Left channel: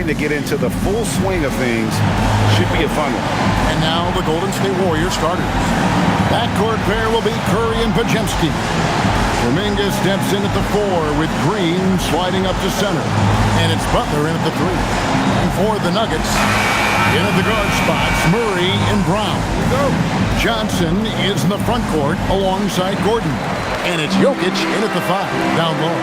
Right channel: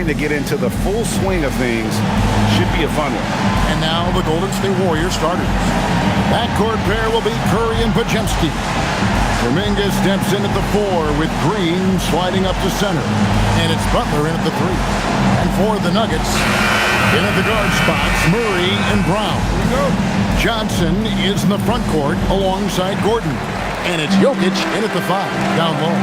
preparing to get into the full swing of things. Should be a fun one. And now the Golden State Warriors starters. Backcourt pair will be Curry and Podziemski. Kuminga steps in at the 4 with Green sliding up to center. And it's Butler in at the 3. And for the Nuggets, in at the guard spots, Murray and Brown. Here we go. Johnson is in the front court alongside Gordon. And it's Jokic in at the 5, down low.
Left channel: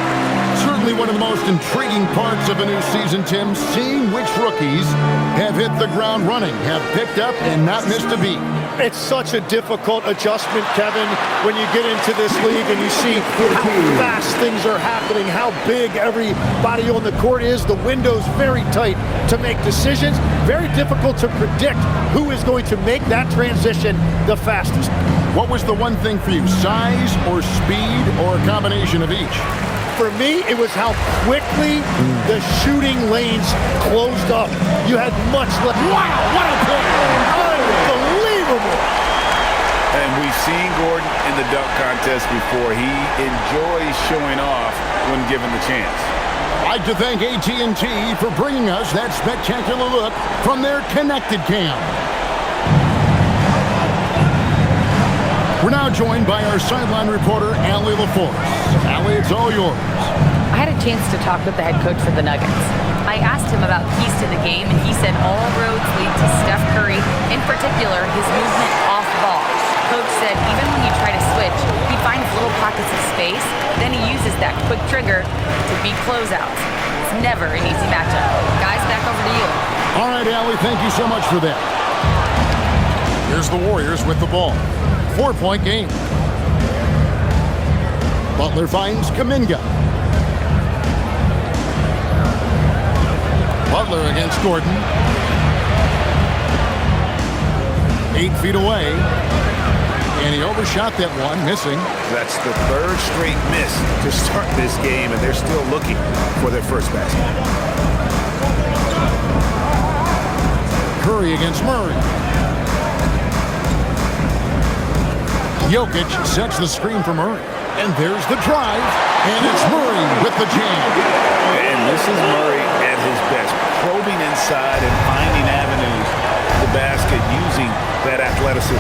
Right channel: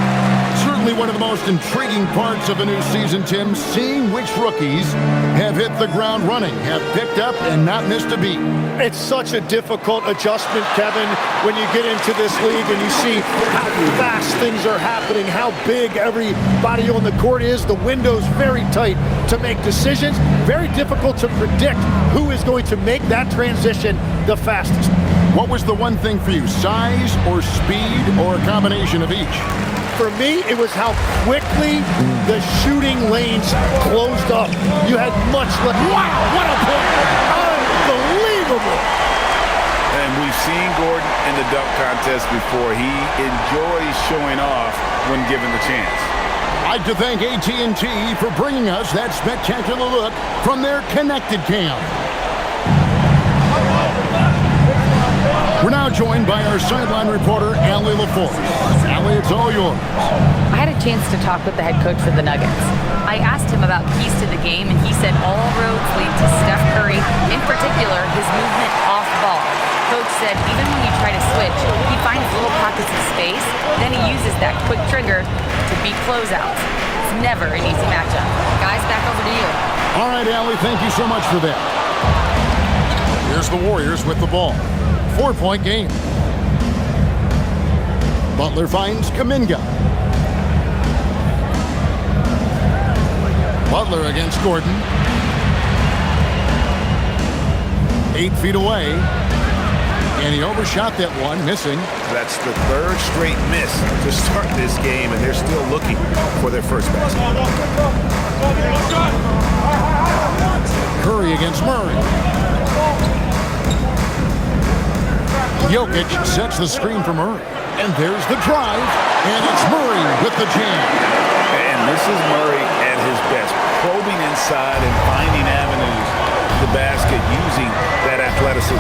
Certainly one of the most intriguing parts of a new season, Tim, seeing which rookies have hit the ground running, have picked up and not missed a beat. It's such a difficult adjustment, Kevin, when you get into this league and you see how fast things are happening, how big everybody on the court is. The window's very tight to make decisions. Very difficult to predict who is going to make that transition the fastest. What was the one thing for you, size or speed or a combination of each? For me, it was how quickly the shooting lanes closed up. You had much less. Wow, what a play! Unbelievable! And we've seen Gordon in the dunk contest before. He enjoys showing off when given the chance. I'd like to thank AT&T for bringing us that spectacular look from their connected cam. We're now joined by our sideline reporter, Allie LaForce. Allie, it's all yours. I had a chance to talk with the head coach for the Nuggets. I asked him about keys to the game, and he said all roads lead to Steph Curry, in particular, his movement off ball. Coach said even when you try to switch, he finds little pockets of space, then he uses that quick trigger to beat closeouts. It's never an easy matchup. Guys, back over to you. All right, Allie, thank you so much for that. Here's the Warriors with the ball. 4-point game. Butler finds Kuminga. Butler against Gordon. 8 feet away. And he overshot that one, missing. That's the 3rd straight miss to start this game, and they're still looking for their first basket. Curry against Murray. Jokic sets the screen for Murray. And there's the drive. And it's Murray with the jam. And this is Murray at his best, probing inside and finding avenues to the basket using that athleticism.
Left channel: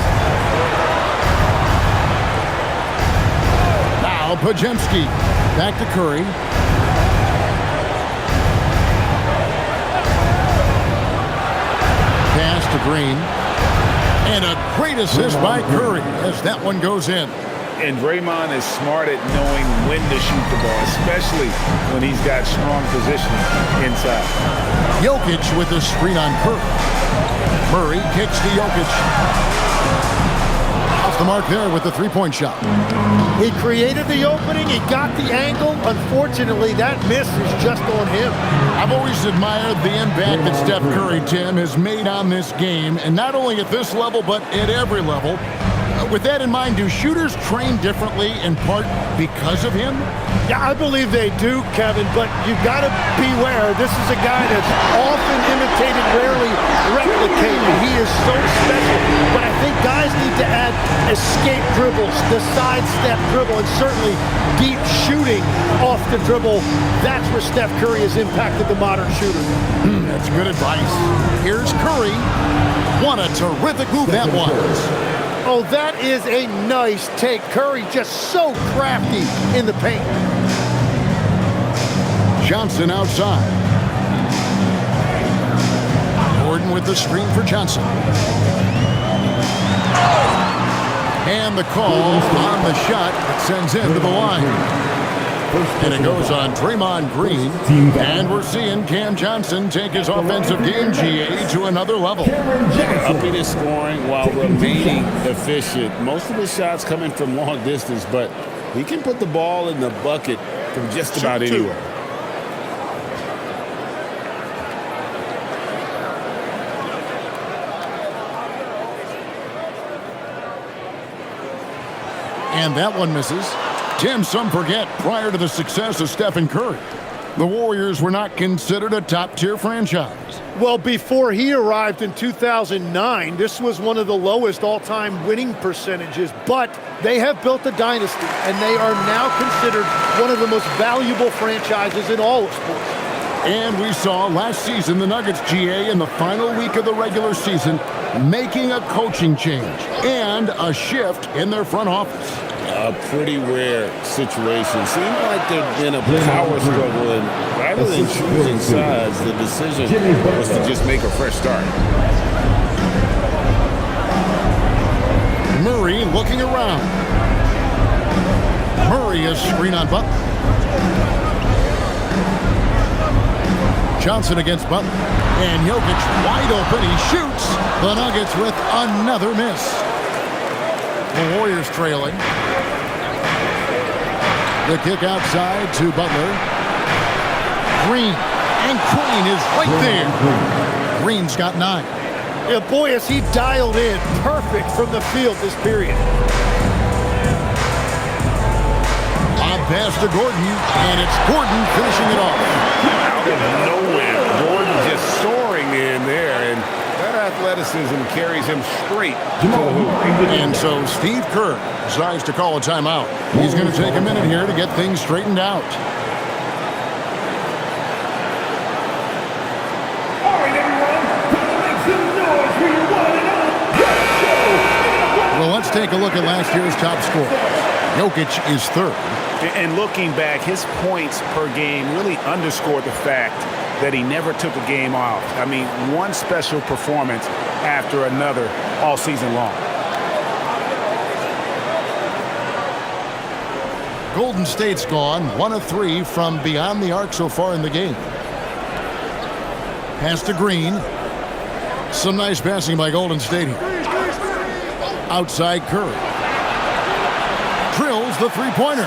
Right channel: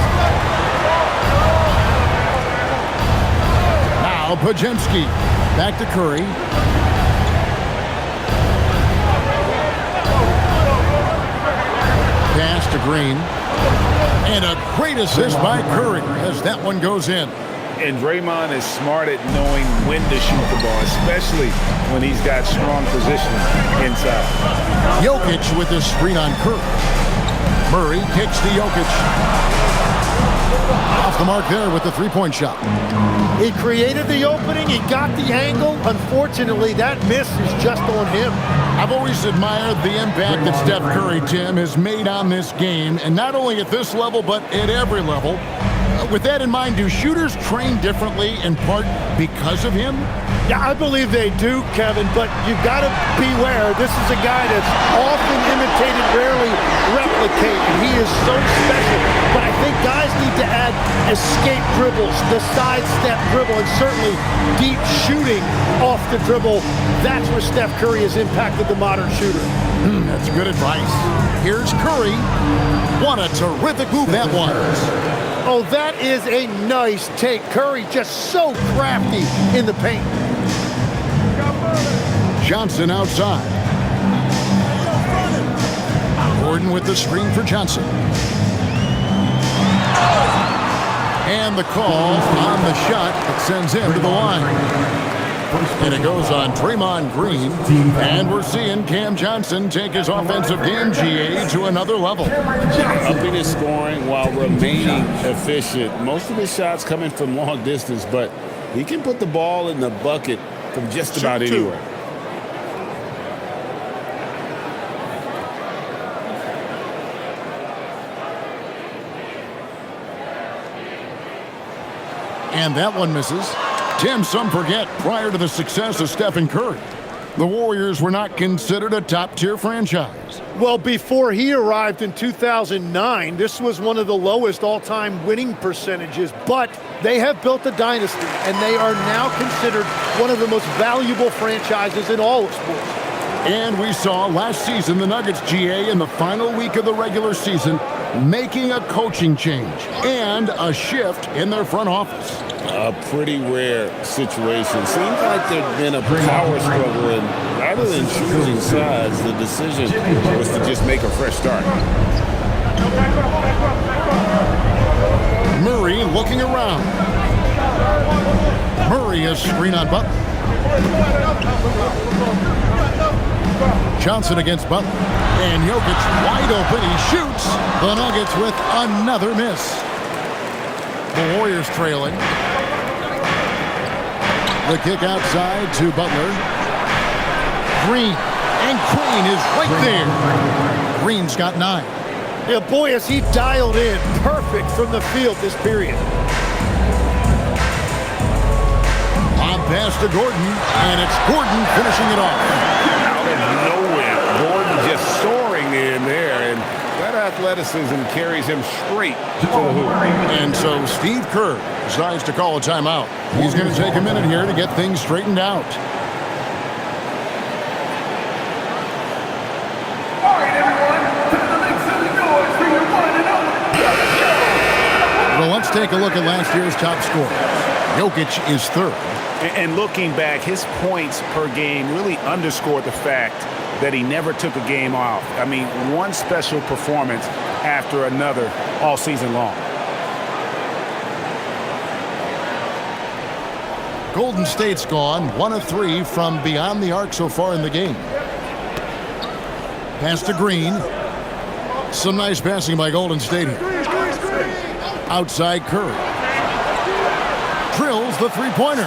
Now Podziemski back to Curry. Pass to Green. And a great assist by Curry as that one goes in. And Draymond is smart at knowing when to shoot the ball, especially when he's got strong position inside. Jokic with the screen on Curry. Murray kicks to Jokic. Off the mark there with the three-point shot. He created the opening. He got the angle. Unfortunately, that miss is just on him. I've always admired the impact that Steph Curry, Tim, has made on this game, and not only at this level, but at every level. With that in mind, do shooters train differently in part because of him? Yeah, I believe they do, Kevin, but you've got to beware. This is a guy that's often imitated, rarely replicated. He is so special, but I think guys need to add escape dribbles, the sidestep dribble, and certainly deep shooting off the dribble. That's where Steph Curry has impacted the modern shooter. That's good advice. Here's Curry. What a terrific move that was. Oh, that is a nice take. Curry just so crafty in the paint. Johnson outside. Gordon with the screen for Johnson. And the call on the shot that sends him to the line. And it goes on Draymond Green. And we're seeing Cam Johnson take his offensive game, GA, to another level. Upping his scoring while remaining efficient. Most of his shots coming from long distance, but he can put the ball in the bucket from just about anywhere. And that one misses. Tim, some forget, prior to the success of Stephen Curry, the Warriors were not considered a top-tier franchise. Well, before he arrived in 2009, this was one of the lowest all-time winning percentages, but they have built a dynasty, and they are now considered one of the most valuable franchises in all of sports. And we saw last season the Nuggets, GA, in the final week of the regular season, making a coaching change and a shift in their front office. A pretty rare situation. Seemed like there'd been a power struggle, and rather than choosing sides, the decision was to just make a fresh start. Murray looking around. Murray is screen on Butler. Johnson against Butler. And Jokic wide open. He shoots. The Nuggets with another miss. The Warriors trailing. The kick outside to Butler. Green. And Green is right there. Green's got 9. Yeah, boy, is he dialed in perfect from the field this period. On pass to Gordon, and it's Gordon finishing it off. Out of nowhere, Gordon just soaring in there, and that athleticism carries him straight to the hoop. And so Steve Kerr decides to call a timeout. He's going to take a minute here to get things straightened out. Well, let's take a look at last year's top scorers. Jokic is 3rd. And looking back, his points per game really underscored the fact that he never took a game off. I mean, one special performance after another all season long. Golden State's gone 1 of 3 from beyond the arc so far in the game. Pass to Green. Some nice passing by Golden State here. Outside Curry. Drills the three-pointer.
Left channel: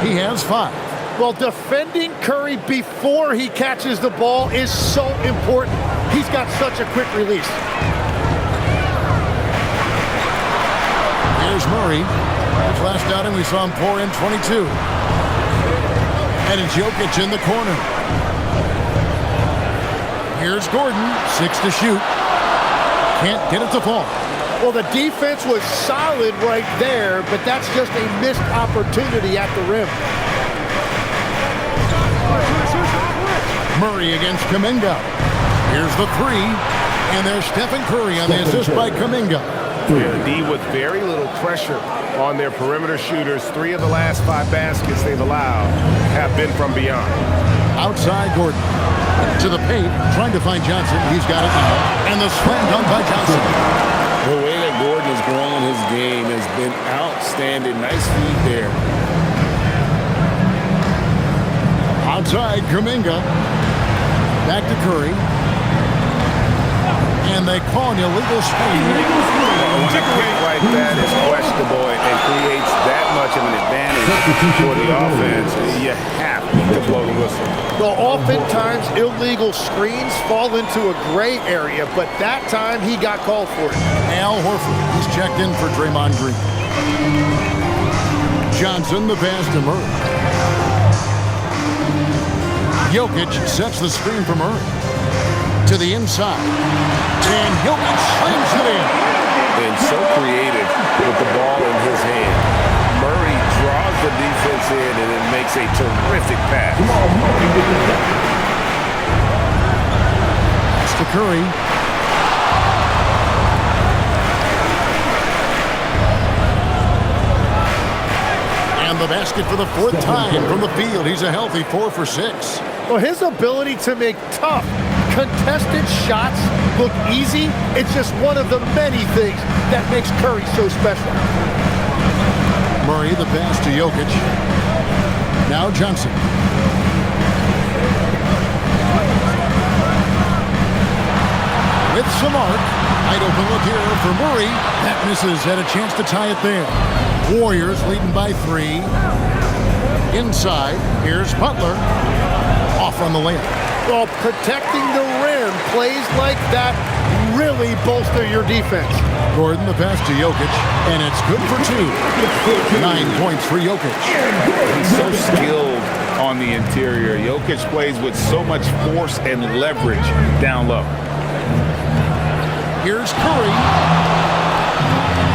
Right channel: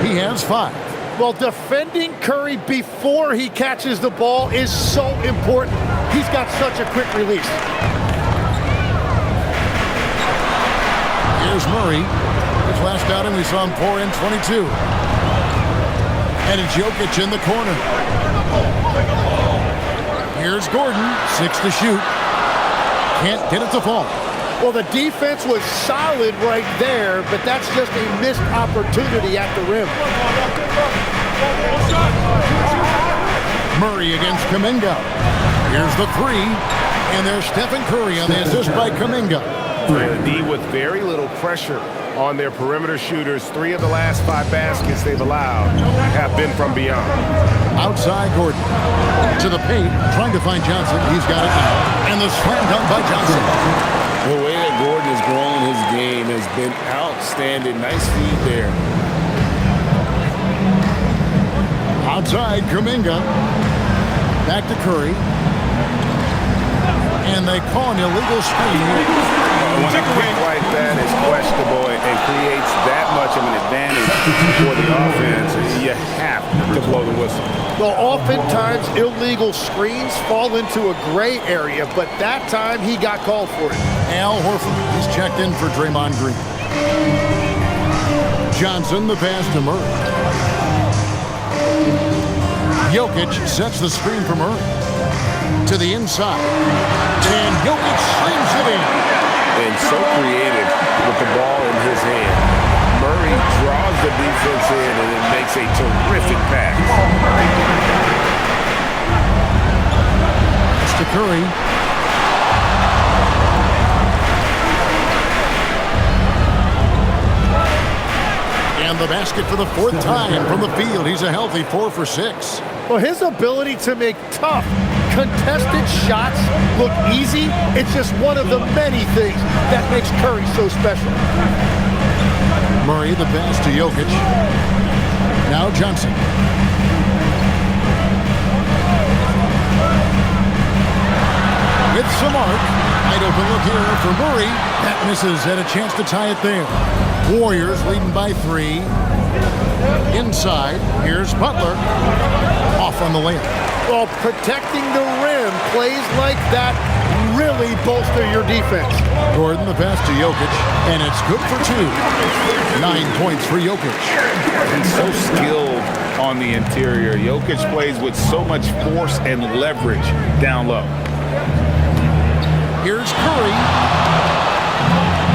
He has 5. Well, defending Curry before he catches the ball is so important. He's got such a quick release. Here's Murray. His last outing, we saw him pour in 22. And it's Jokic in the corner. Here's Gordon, 6 to shoot. Can't get it to fall. Well, the defense was solid right there, but that's just a missed opportunity at the rim. Murray against Kuminga. Here's the 3. And there's Stephen Curry on the assist by Kuminga. The D with very little pressure on their perimeter shooters. 3 of the last 5 baskets they've allowed have been from beyond. Outside Gordon. To the paint, trying to find Johnson. He's got it now. And the slam dunk by Johnson. The way that Gordon has grown his game has been outstanding. Nice feed there. Outside Kuminga. Back to Curry. And they call an illegal screen. When a pick like that is questionable and creates that much of an advantage for the offense, you have to blow the whistle. Well, oftentimes illegal screens fall into a gray area, but that time he got called for it. Al Horford, he's checked in for Draymond Green. Johnson, the pass to Murray. Jokic sets the screen for Murray. To the inside. And Jokic slams it in. And so creative with the ball in his hand. Murray draws the defense in, and it makes a terrific pass. Pass to Curry. And the basket for the 4th time from the field. He's a healthy 4 for 6. Well, his ability to make tough, contested shots look easy, it's just one of the many things that makes Curry so special. Murray, the pass to Jokic. Now Johnson. With some arc. Wide open look here for Murray. That misses. Had a chance to tie it there. Warriors leading by 3. Inside. Here's Butler. Off on the layup. Well, protecting the rim, plays like that really bolster your defense. Gordon, the pass to Jokic, and it's good for 2. 9 points for Jokic. He's so skilled on the interior. Jokic plays with so much force and leverage down low. Here's Curry.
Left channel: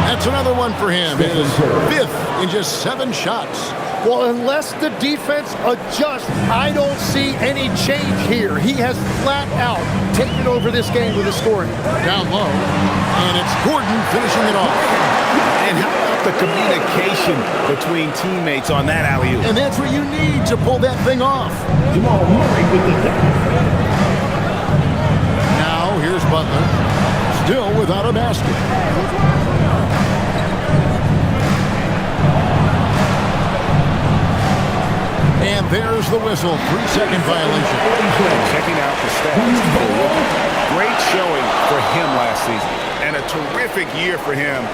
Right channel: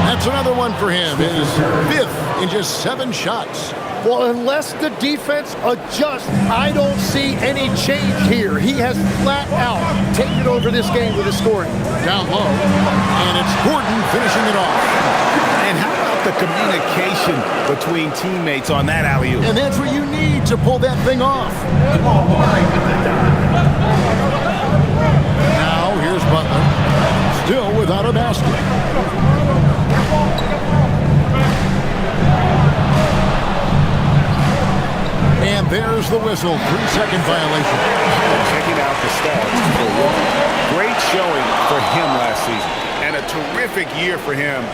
That's another one for him. His 5th in just 7 shots. Well, unless the defense adjusts, I don't see any change here. He has flat out taken over this game with his scoring. Down low, and it's Gordon finishing it off. And how about the communication between teammates on that alley-oop? And that's what you need to pull that thing off. Now, here's Butler, still without a basket. And there's the whistle, 3-second violation. And checking out the stats for Rookie. Great showing for him last season. And a terrific year for him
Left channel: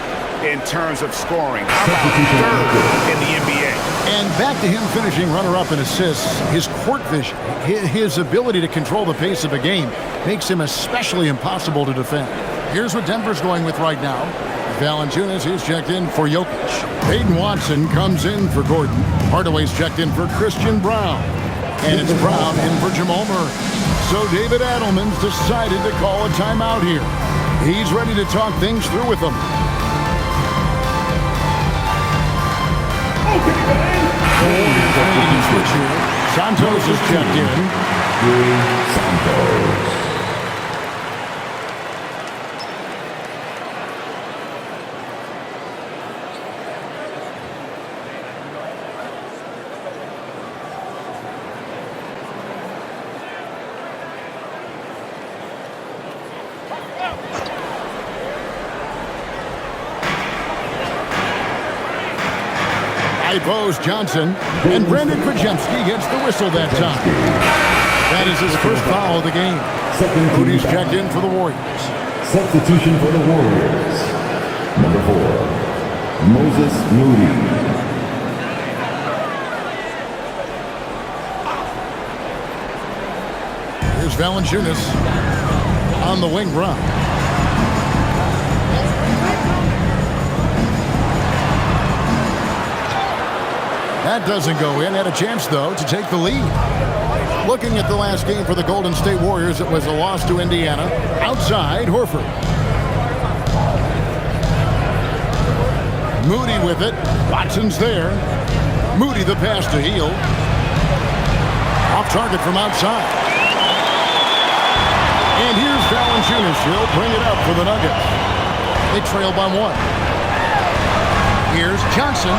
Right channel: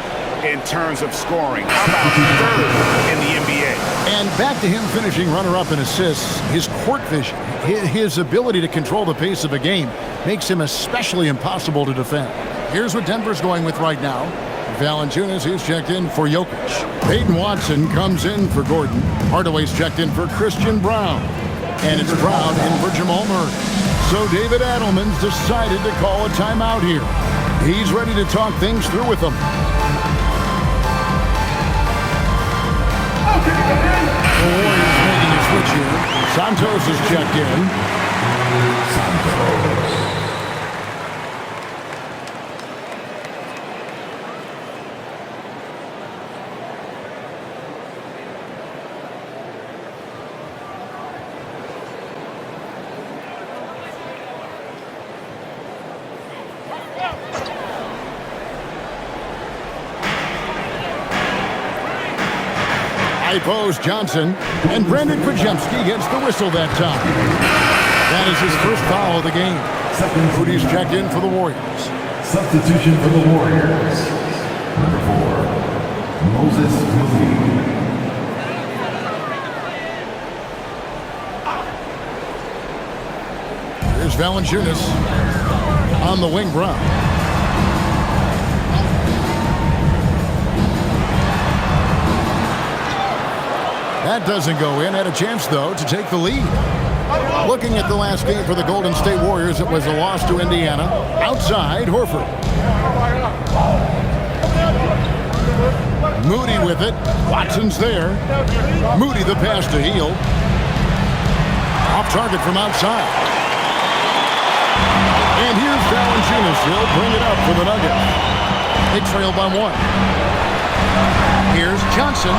in terms of scoring. How about third in the NBA? And back to him finishing runner-up in assists. His court vision, his ability to control the pace of a game makes him especially impossible to defend. Here's what Denver's going with right now. Valanciunas is checked in for Jokic. Peyton Watson comes in for Gordon. Hardaway's checked in for Christian Brown. And it's Brown in for Jamal Murray. So David Adelman's decided to call a timeout here. He's ready to talk things through with them. The Warriors making a switch here. Santos is checked in. Santos. Pose Johnson, and Brandon Pajemski gets the whistle that time. That is his first foul of the game. Moody's checked in for the Warriors. Substitution for the Warriors. Number 4, Moses Moody. Here's Valanciunas on the wing. Brown. That doesn't go in. Had a chance, though, to take the lead. Looking at the last game for the Golden State Warriors, it was a loss to Indiana. Outside, Horford. Moody with it. Watson's there. Moody the pass to Hield. Off target from outside. And here's Valanciunas. He'll bring it up for the Nuggets. They trail by 1. Here's Johnson.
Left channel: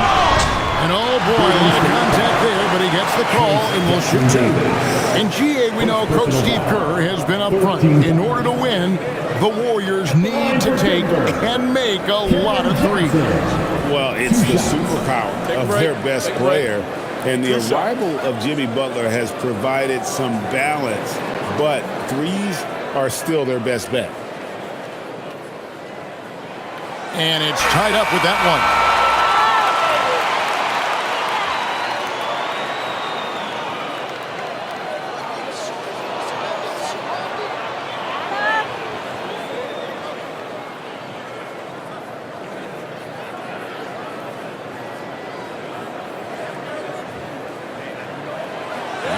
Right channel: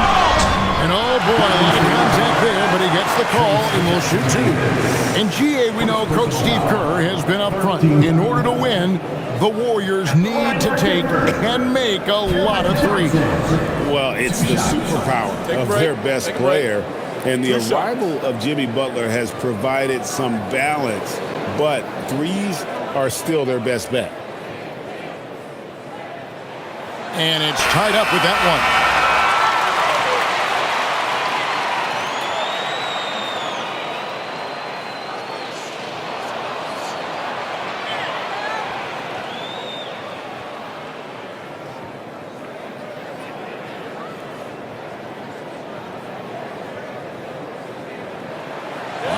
And oh boy, a lot of contact there, but he gets the call and will shoot 2. In GA, we know Coach Steve Kerr has been up front. In order to win, the Warriors need to take and make a lot of threes. Well, it's the superpower of their best player. And the arrival of Jimmy Butler has provided some balance, but threes are still their best bet. And it's tied up with that one.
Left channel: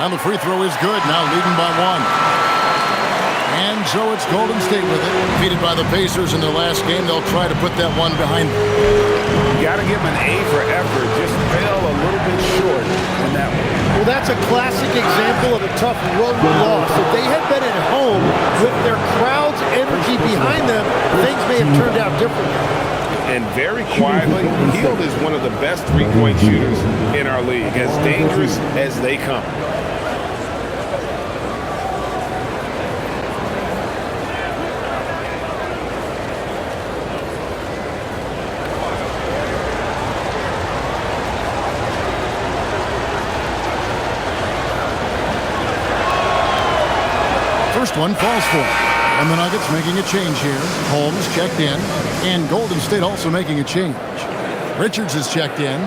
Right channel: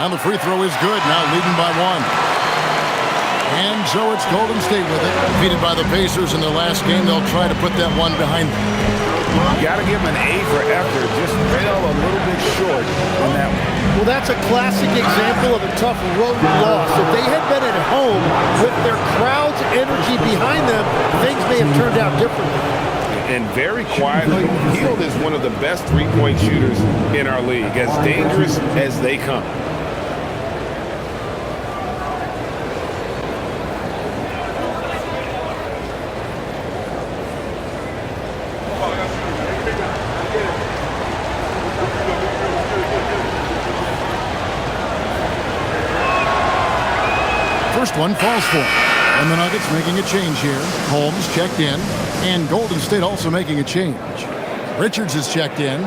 And the free throw is good, now leading by 1. And so it's Golden State with it. Defeated by the Pacers in their last game, they'll try to put that one behind them. You got to give them an A for effort. Just fell a little bit short on that one. Well, that's a classic example of a tough road loss. If they had been at home with their crowd's energy behind them, things may have turned out differently. And very quietly, Hield is one of the best three-point shooters in our league, as dangerous as they come. First one falls for him. And the Nuggets making a change here. Holmes checked in. And Golden State also making a change. Richards is checked in.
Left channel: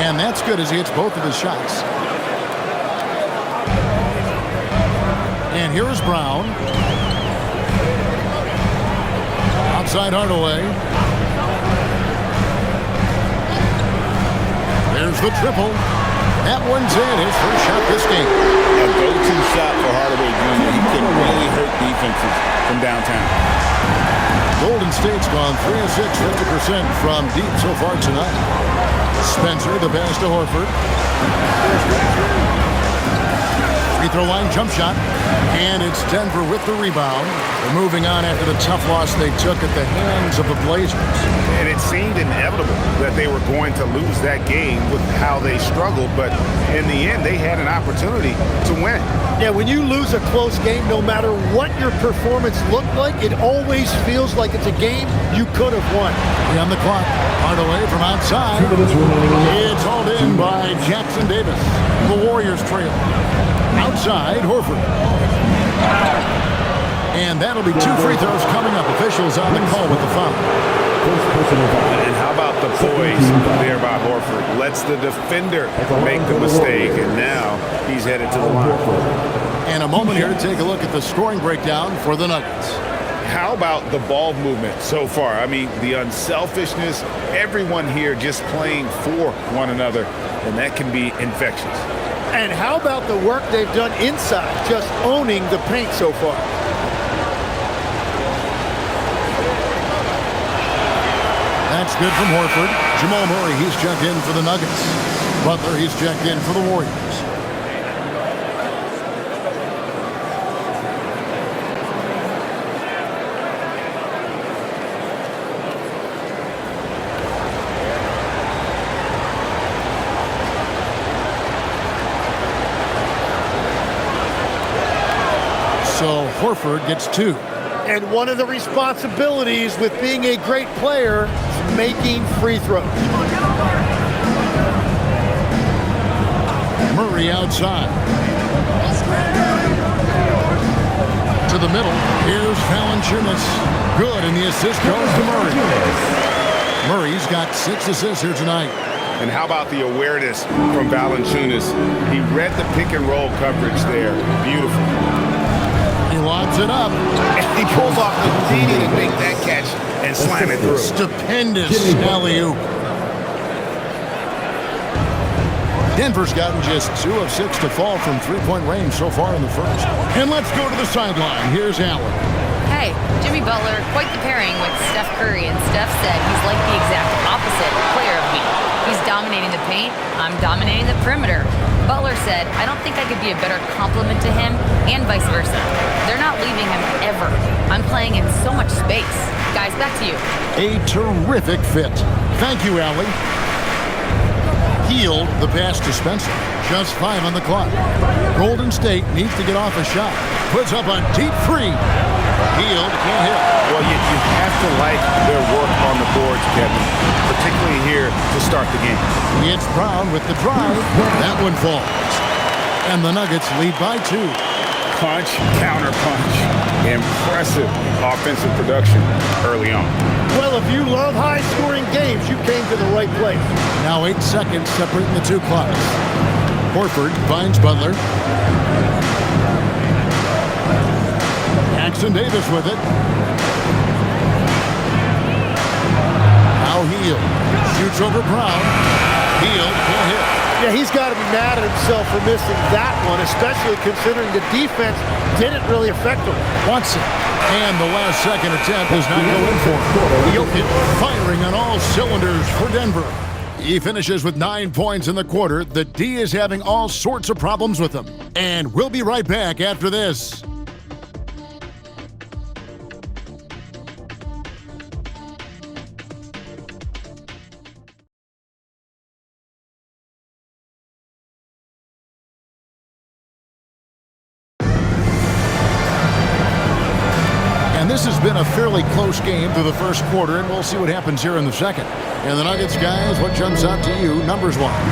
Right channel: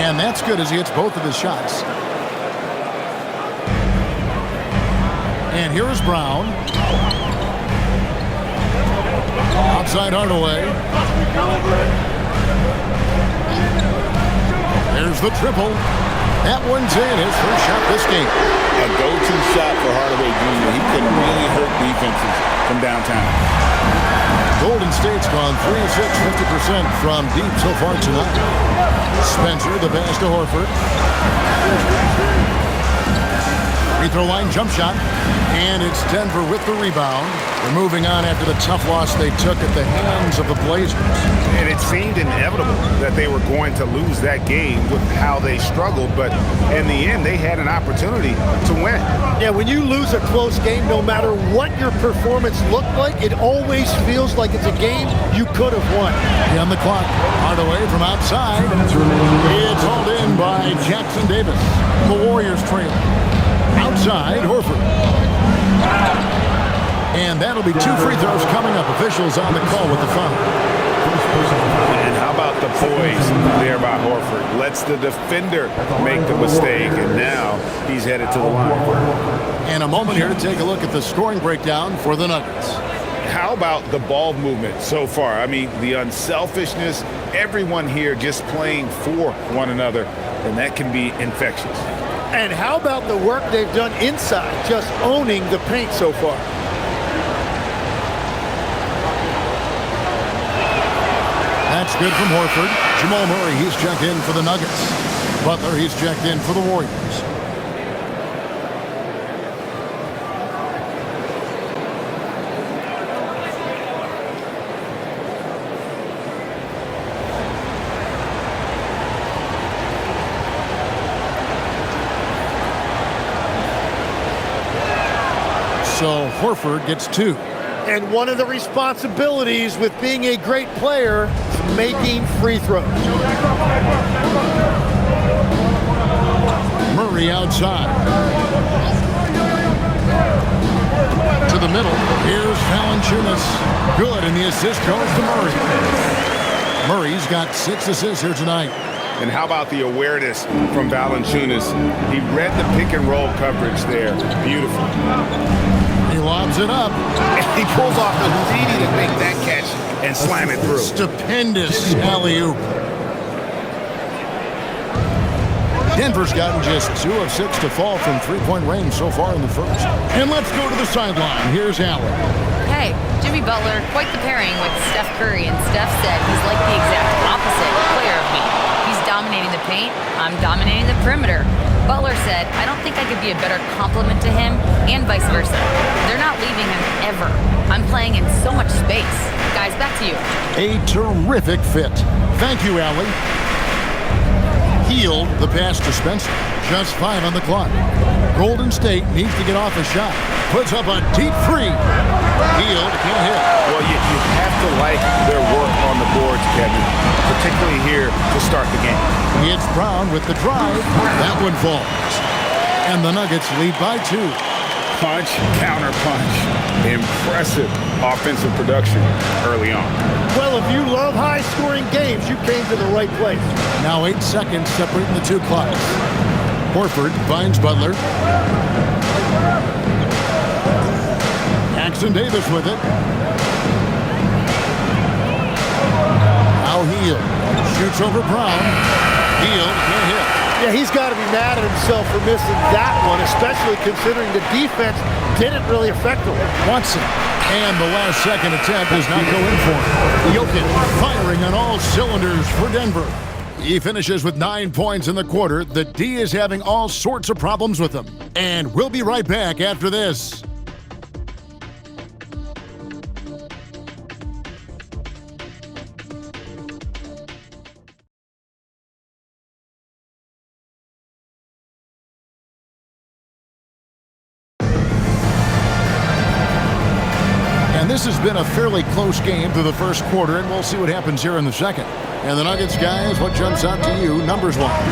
And that's good as he hits both of his shots. And here is Brown. Outside Hardaway. There's the triple. That one's in, his first shot this game. A go-to shot for Hardaway Jr. He can really hurt defenses from downtown. Golden State's gone 3 of 6, 50% from deep so far tonight. Spencer, the pass to Horford. Free throw line jump shot. And it's Denver with the rebound. They're moving on after the tough loss they took at the hands of the Blazers. And it seemed inevitable that they were going to lose that game with how they struggled, but in the end, they had an opportunity to win. Yeah, when you lose a close game, no matter what your performance looked like, it always feels like it's a game you could have won. On the clock, Hardaway from outside. 2 minutes remaining. It's hauled in by Jackson Davis. The Warriors trail. Outside, Horford. And that'll be 2 free throws coming up. Officials on the call with the foul. And how about the poise there by Horford? Lets the defender make the mistake, and now he's headed to the line. And a moment here to take a look at the scoring breakdown for the Nuggets. How about the ball movement so far? I mean, the unselfishness, everyone here just playing for one another, and that can be infectious. And how about the work they've done inside, just owning the paint so far? That's good from Horford. Jamal Murray, he's checked in for the Nuggets. Butler, he's checked in for the Warriors. So Horford gets 2. And one of the responsibilities with being a great player is making free throws. Murray outside. To the middle. Here's Valanciunas. Good, and the assist goes to Murray. Murray's got 6 assists here tonight. And how about the awareness from Valanciunas? He read the pick and roll coverage there. Beautiful. He lobs it up. He pulls off the Houdini to make that catch and slam it through. Stupendous alley-oop. Denver's gotten just 2 of 6 to fall from three-point range so far in the first. And let's go to the sideline. Here's Allen. Hey, Jimmy Butler, quite the pairing with Steph Curry, and Steph said he's like the exact opposite player of me. He's dominating the paint, I'm dominating the perimeter. Butler said, I don't think I could be a better complement to him, and vice versa. They're not leaving him ever. I'm playing in so much space. Guys, back to you. A terrific fit. Thank you, Allie. Hield the pass to Spencer. Just 5 on the clock. Golden State needs to get off a shot. Puts up a deep 3. Hield can't hit. Well, you have to like their work on the boards, Kevin, particularly here to start the game. It's Brown with the drive. That one falls. And the Nuggets lead by 2. Punch, counter punch. Impressive offensive production early on. Well, if you love high-scoring games, you came to the right place. Now 8 seconds separating the 2 clocks. Horford finds Butler. Jackson Davis with it. Now Hield shoots over Brown. Hield can't hit. Yeah, he's got to be mad at himself for missing that one, especially considering the defense didn't really affect him. Watson. And the last second attempt does not go in for him. Jokic firing on all cylinders for Denver. He finishes with 9 points in the quarter. The D is having all sorts of problems with him. And we'll be right back after this. And this has been a fairly close game through the first quarter, and we'll see what happens here in the second. And the Nuggets, guys, what jumps out to you numbers-wise?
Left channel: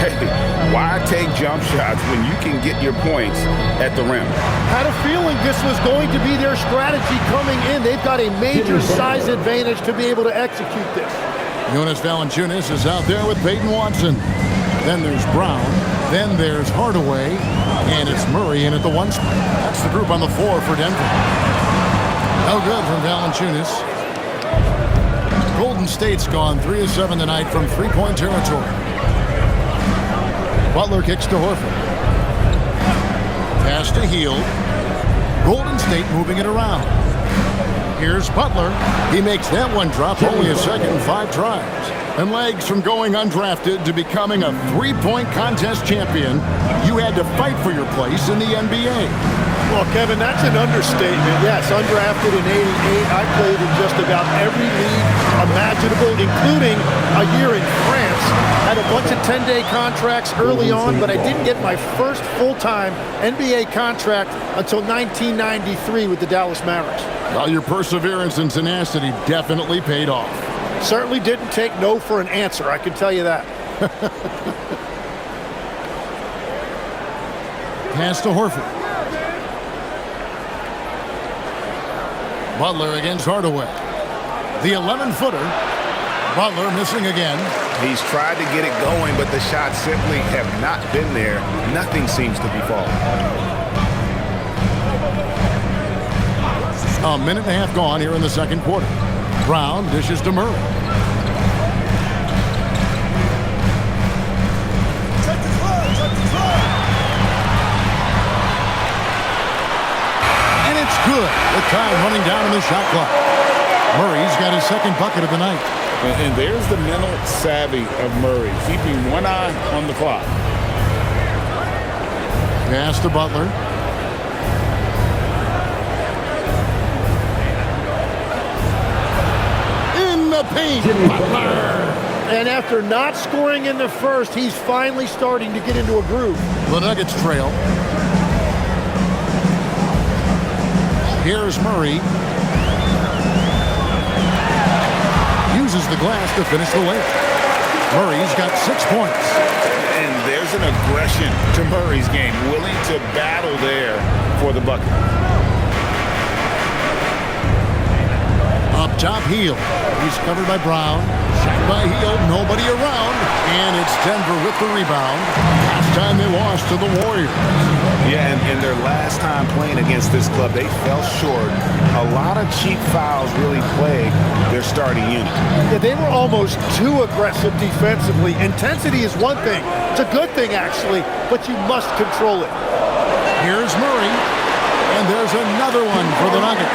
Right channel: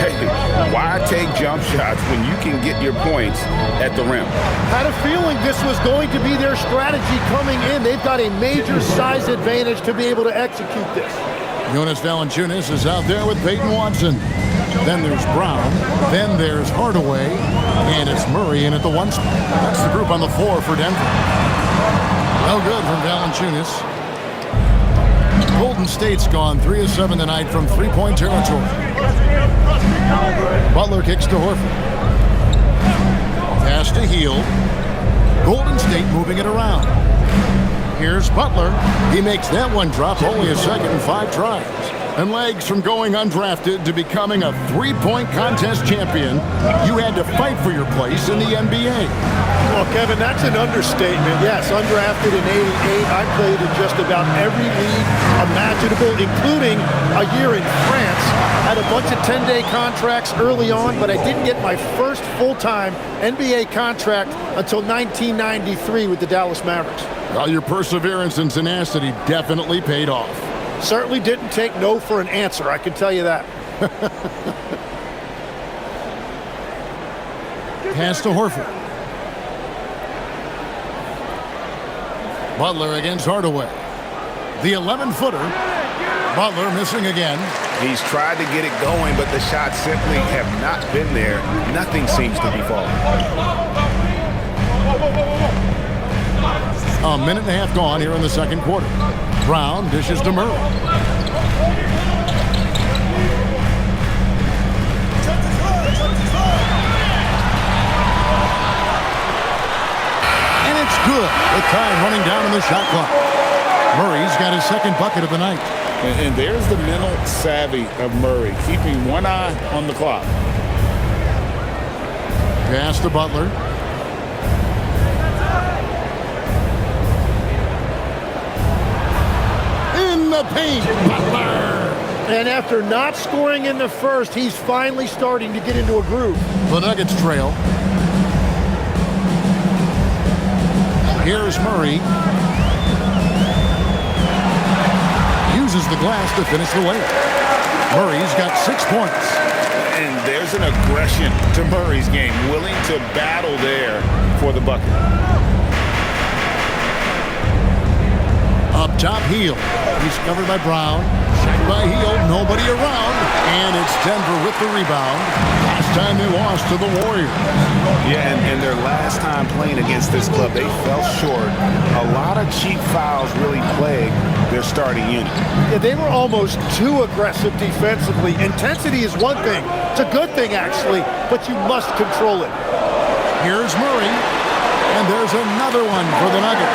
Hey, why take jump shots when you can get your points at the rim? Had a feeling this was going to be their strategy coming in. They've got a major size advantage to be able to execute this. Jonas Valanciunas is out there with Peyton Watson. Then there's Brown. Then there's Hardaway. And it's Murray in at the 1 spot. That's the group on the floor for Denver. No good from Valanciunas. Golden State's gone 3 of 7 tonight from three-point territory. Butler kicks to Horford. Pass to Hield. Golden State moving it around. Here's Butler. He makes that one drop, only a second and 5 tries. And legs from going undrafted to becoming a three-point contest champion, you had to fight for your place in the NBA. Well, Kevin, that's an understatement. Yes, undrafted in '88. I played in just about every league imaginable, including a year in France. Had a bunch of 10-day contracts early on, but I didn't get my first full-time NBA contract until 1993 with the Dallas Mavericks. Well, your perseverance and tenacity definitely paid off. Certainly didn't take no for an answer, I can tell you that. Pass to Horford. Butler against Hardaway. The 11-footer. Butler missing again. He's tried to get it going, but the shots simply have not been there. Nothing seems to be falling. A minute and a half gone here in the second quarter. Brown dishes to Murray. And it's good with time running down in the shot clock. Murray's got his second bucket of the night. And there's the mental savvy of Murray, keeping one eye on the clock. Pass to Butler. In the paint, Butler. And after not scoring in the first, he's finally starting to get into a groove. The Nuggets trail. Here's Murray. Uses the glass to finish the layup. Murray's got 6 points. And there's an aggression to Murray's game, willing to battle there for the bucket. Up top, Hield. He's covered by Brown. Shot by Hield. Nobody around. And it's Denver with the rebound. Last time they lost to the Warriors. Yeah, and their last time playing against this club, they fell short. A lot of cheap fouls really plagued their starting unit. Yeah, they were almost too aggressive defensively. Intensity is one thing. It's a good thing, actually, but you must control it. Here's Murray. And there's another one for the Nuggets.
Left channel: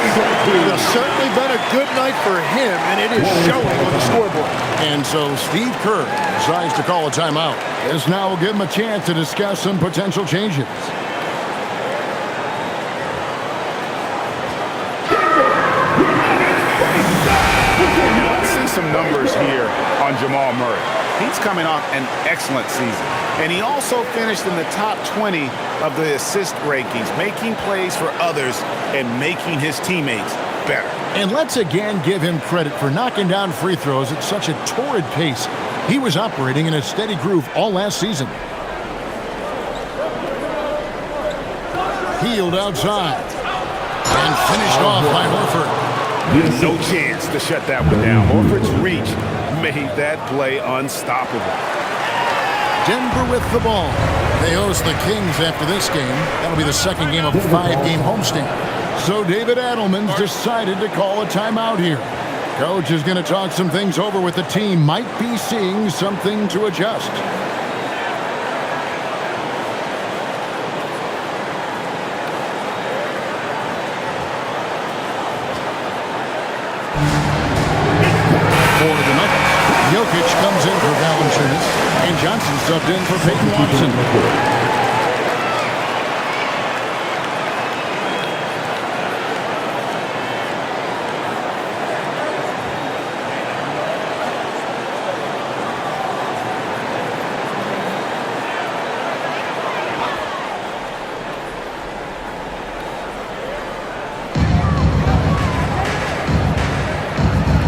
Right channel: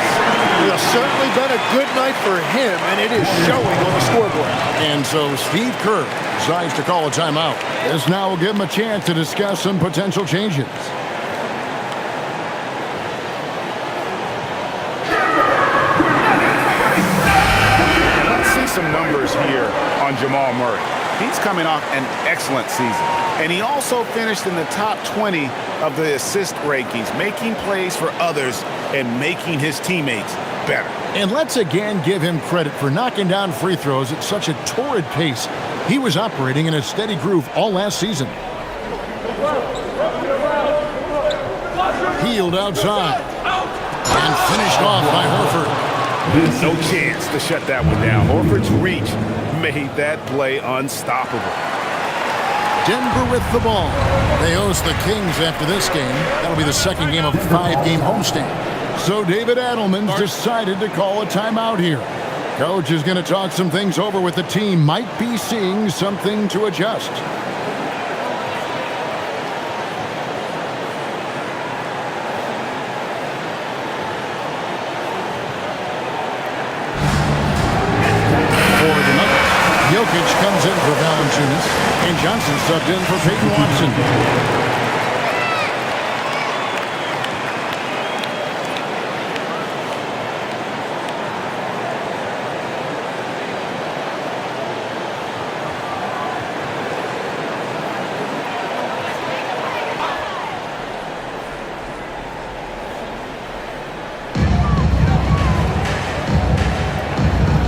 It's certainly been a good night for him, and it is showing on the scoreboard. And so Steve Kerr decides to call a timeout. This now will give him a chance to discuss some potential changes. And let's see some numbers here on Jamal Murray. He's coming off an excellent season. And he also finished in the top 20 of the assist rankings, making plays for others and making his teammates better. And let's again give him credit for knocking down free throws at such a torrid pace. He was operating in a steady groove all last season. Hield outside. And finished off by Horford. No chance to shut that one down. Horford's reach made that play unstoppable. Denver with the ball. They host the Kings after this game. That'll be the second game of a 5-game homestand. So David Adelman's decided to call a timeout here. Coach is going to talk some things over with the team. Might be seeing something to adjust. For the Nuggets, Jokic comes in for Valanciunas, and Johnson subbed in for Peyton Watson.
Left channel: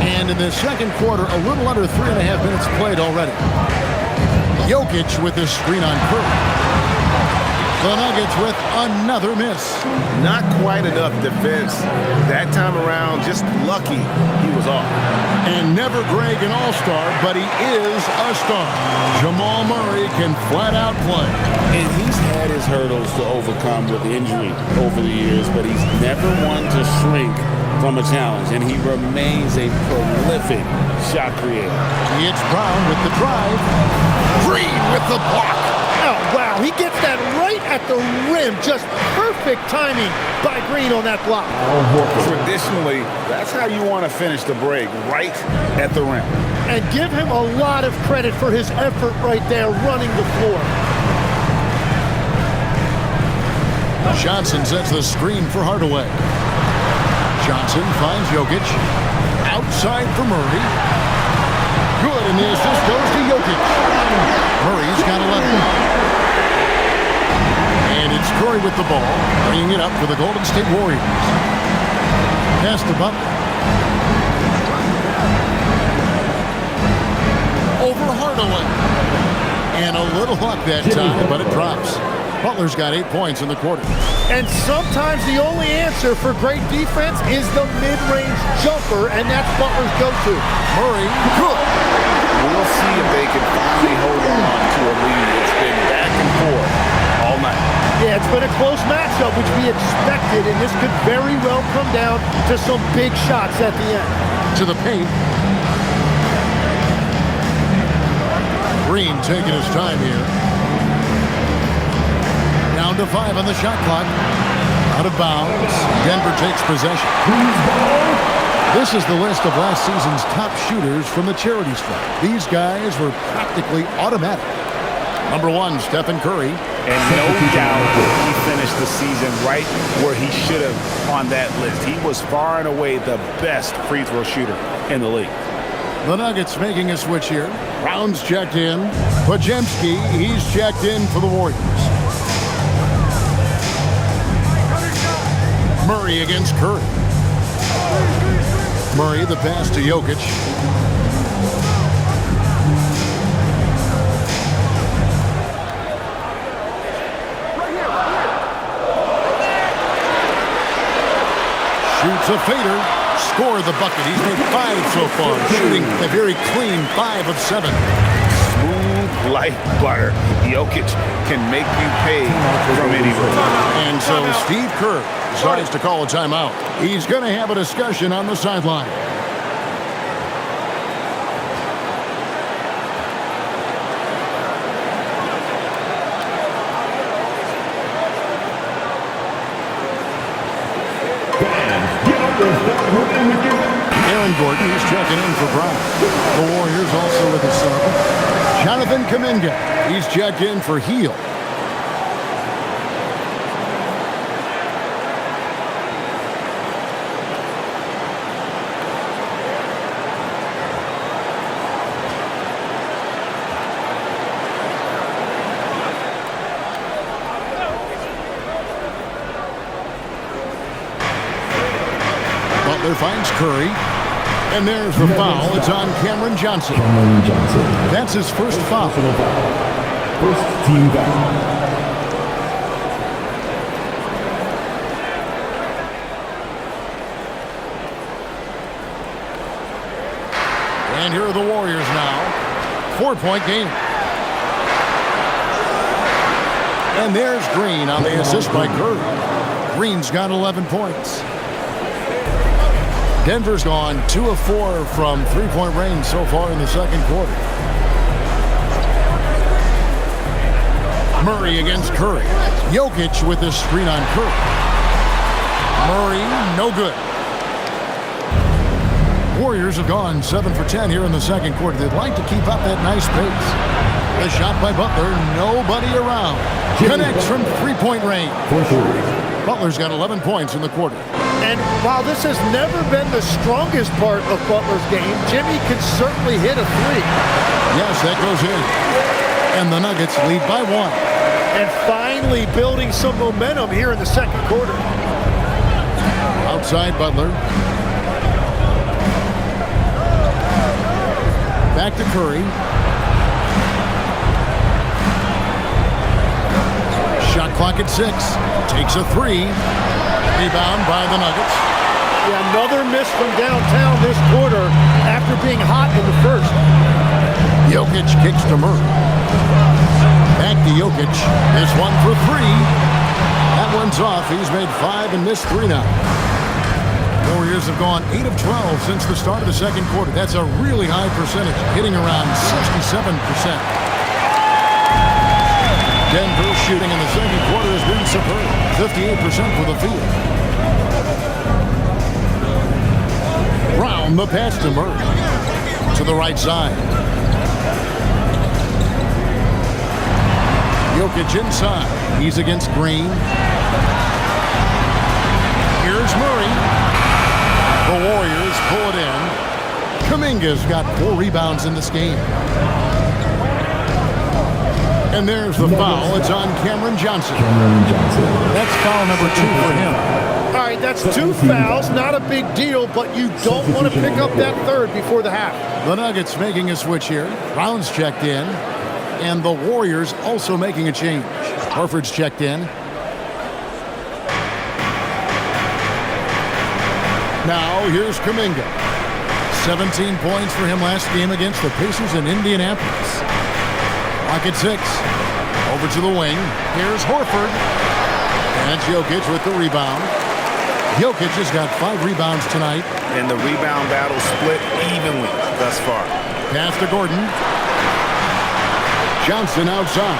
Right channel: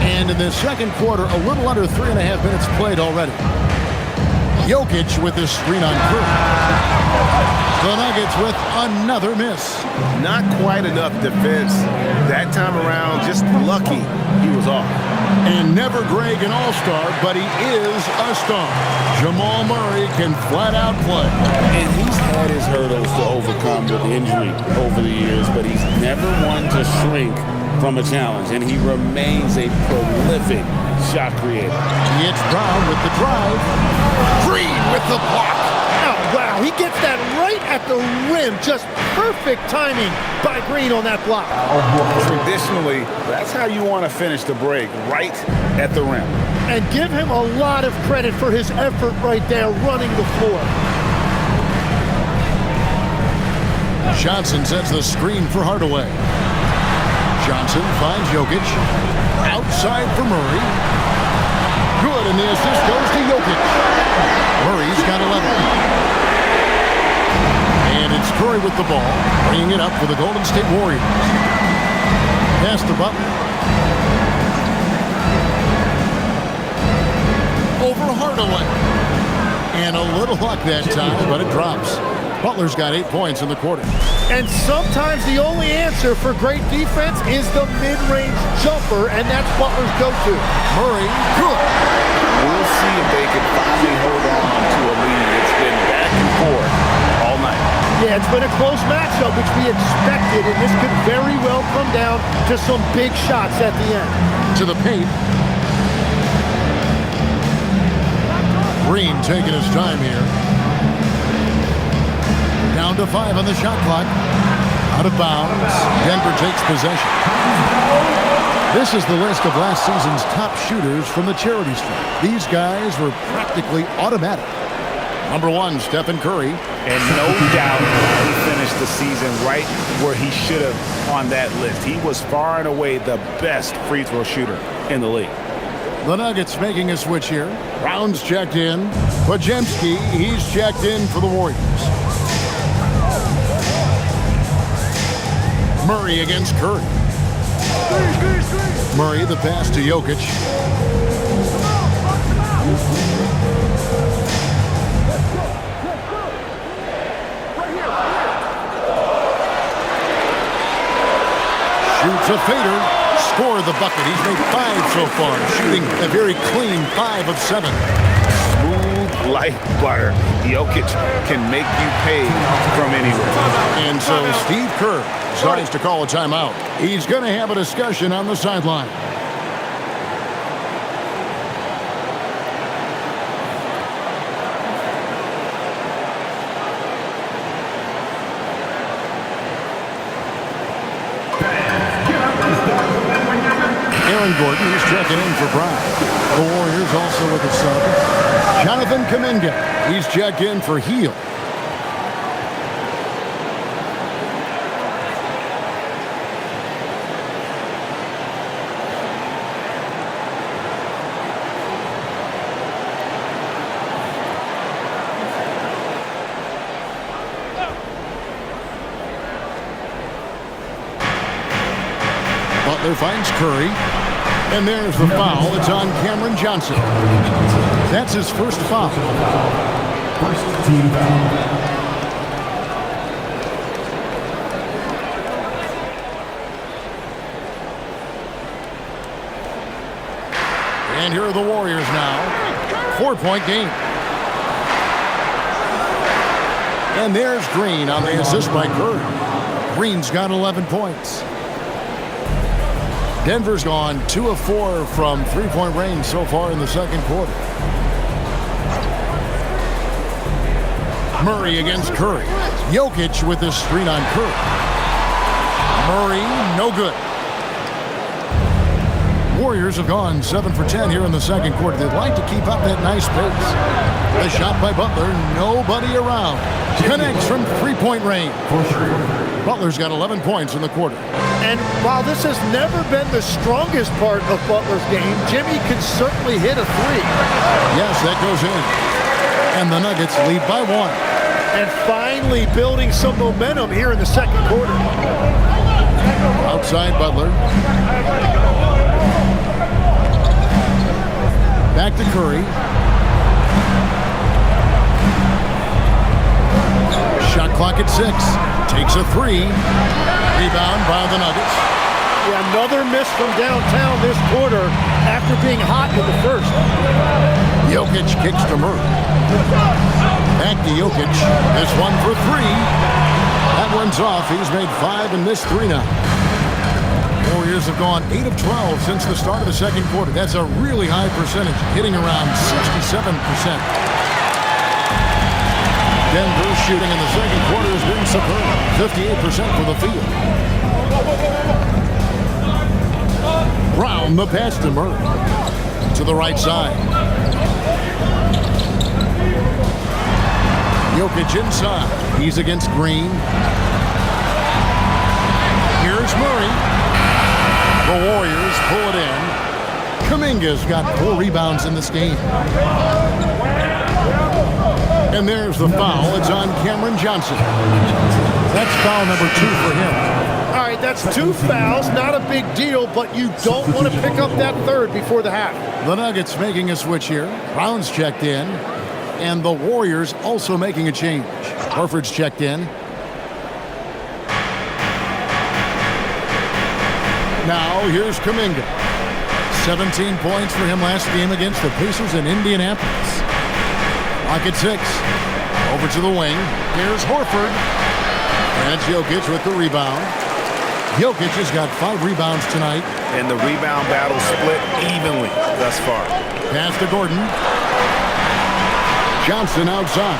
And in the second quarter, a little under 3.5 minutes played already. Jokic with his screen on Curry. The Nuggets with another miss. Not quite enough defense that time around. Just lucky he was off. And never Greg an all-star, but he is a star. Jamal Murray can flat out play. And he's had his hurdles to overcome with injury over the years, but he's never one to shrink from a challenge, and he remains a prolific shot creator. It's Brown with the drive. Green with the block. Oh, wow. He gets that right at the rim. Just perfect timing by Green on that block. Traditionally, that's how you want to finish the break, right at the rim. And give him a lot of credit for his effort right there running the floor. Johnson sets the screen for Hardaway. Johnson finds Jokic. Outside for Murray. Good, and the assist goes to Jokic. Murray's got 11. And it's Curry with the ball, bringing it up for the Golden State Warriors. Pass to Butler. Over Hardaway. And a little luck that time, but it drops. Butler's got 8 points in the quarter. And sometimes the only answer for great defense is the mid-range jumper, and that's Butler's go-to. Murray, good. We'll see if they can finally hold on to a lead. It's been back and forth all night. Yeah, it's been a close matchup, which we expected, and this could very well come down to some big shots at the end. To the paint. Green taking his time here. Down to 5 on the shot clock. Out of bounds. Denver takes possession. This is the list of last season's top shooters from the charity stripe. These guys were practically automatic. Number 1, Stephen Curry. And no doubt he finished the season right where he should have on that list. He was far and away the best free throw shooter in the league. The Nuggets making a switch here. Brown's checked in. Podziemski, he's checked in for the Warriors. Murray against Curry. Murray, the pass to Jokic. Shoots a fader. Score the bucket. He's made 5 so far, shooting a very clean 5 of 7. Smooth like butter. Jokic can make you pay from anywhere. And so Steve Kerr decides to call a timeout. He's going to have a discussion on the sideline. Aaron Gordon, he's checking in for Brown. The Warriors also with a sub. Jonathan Kuminga, he's checked in for Heel. Butler finds Curry. And there's the foul. It's on Cameron Johnson. That's his first foul. First team foul. And here are the Warriors now. 4-point game. And there's Green on the assist by Curry. Green's got 11 points. Denver's gone 2 of 4 from three-point range so far in the second quarter. Murray against Curry. Jokic with this screen on Curry. Murray, no good. Warriors have gone 7 for 10 here in the second quarter. They'd like to keep up that nice pace. The shot by Butler, nobody around. Connects from three-point range. Butler's got 11 points in the quarter. And while this has never been the strongest part of Butler's game, Jimmy can certainly hit a 3. Yes, that goes in. And the Nuggets lead by 1. And finally building some momentum here in the second quarter. Outside Butler. Back to Curry. Shot clock at 6. Takes a 3. Rebound by the Nuggets. Yeah, another miss from downtown this quarter after being hot in the first. Jokic kicks to Murray. Back to Jokic. This one for 3. That one's off. He's made 5 and missed 3 now. Warriors have gone 8 of 12 since the start of the second quarter. That's a really high percentage, hitting around 67%. Denver shooting in the second quarter has been superb. 58% for the field. Brown, the pass to Murray. To the right side. Jokic inside. He's against Green. Here's Murray. The Warriors pull it in. Kuminga's got 4 rebounds in this game. And there's the foul. It's on Cameron Johnson. That's foul number 2 for him. All right, that's 2 fouls. Not a big deal, but you don't want to pick up that third before the half. The Nuggets making a switch here. Brown's checked in. And the Warriors also making a change. Horford's checked in. Now here's Kuminga. 17 points for him last game against the Pacers in Indianapolis. Clock at 6. Over to the wing. Here's Horford. And it's Jokic with the rebound. Jokic has got 5 rebounds tonight. And the rebound battle split evenly thus far. Pass to Gordon. Johnson outside.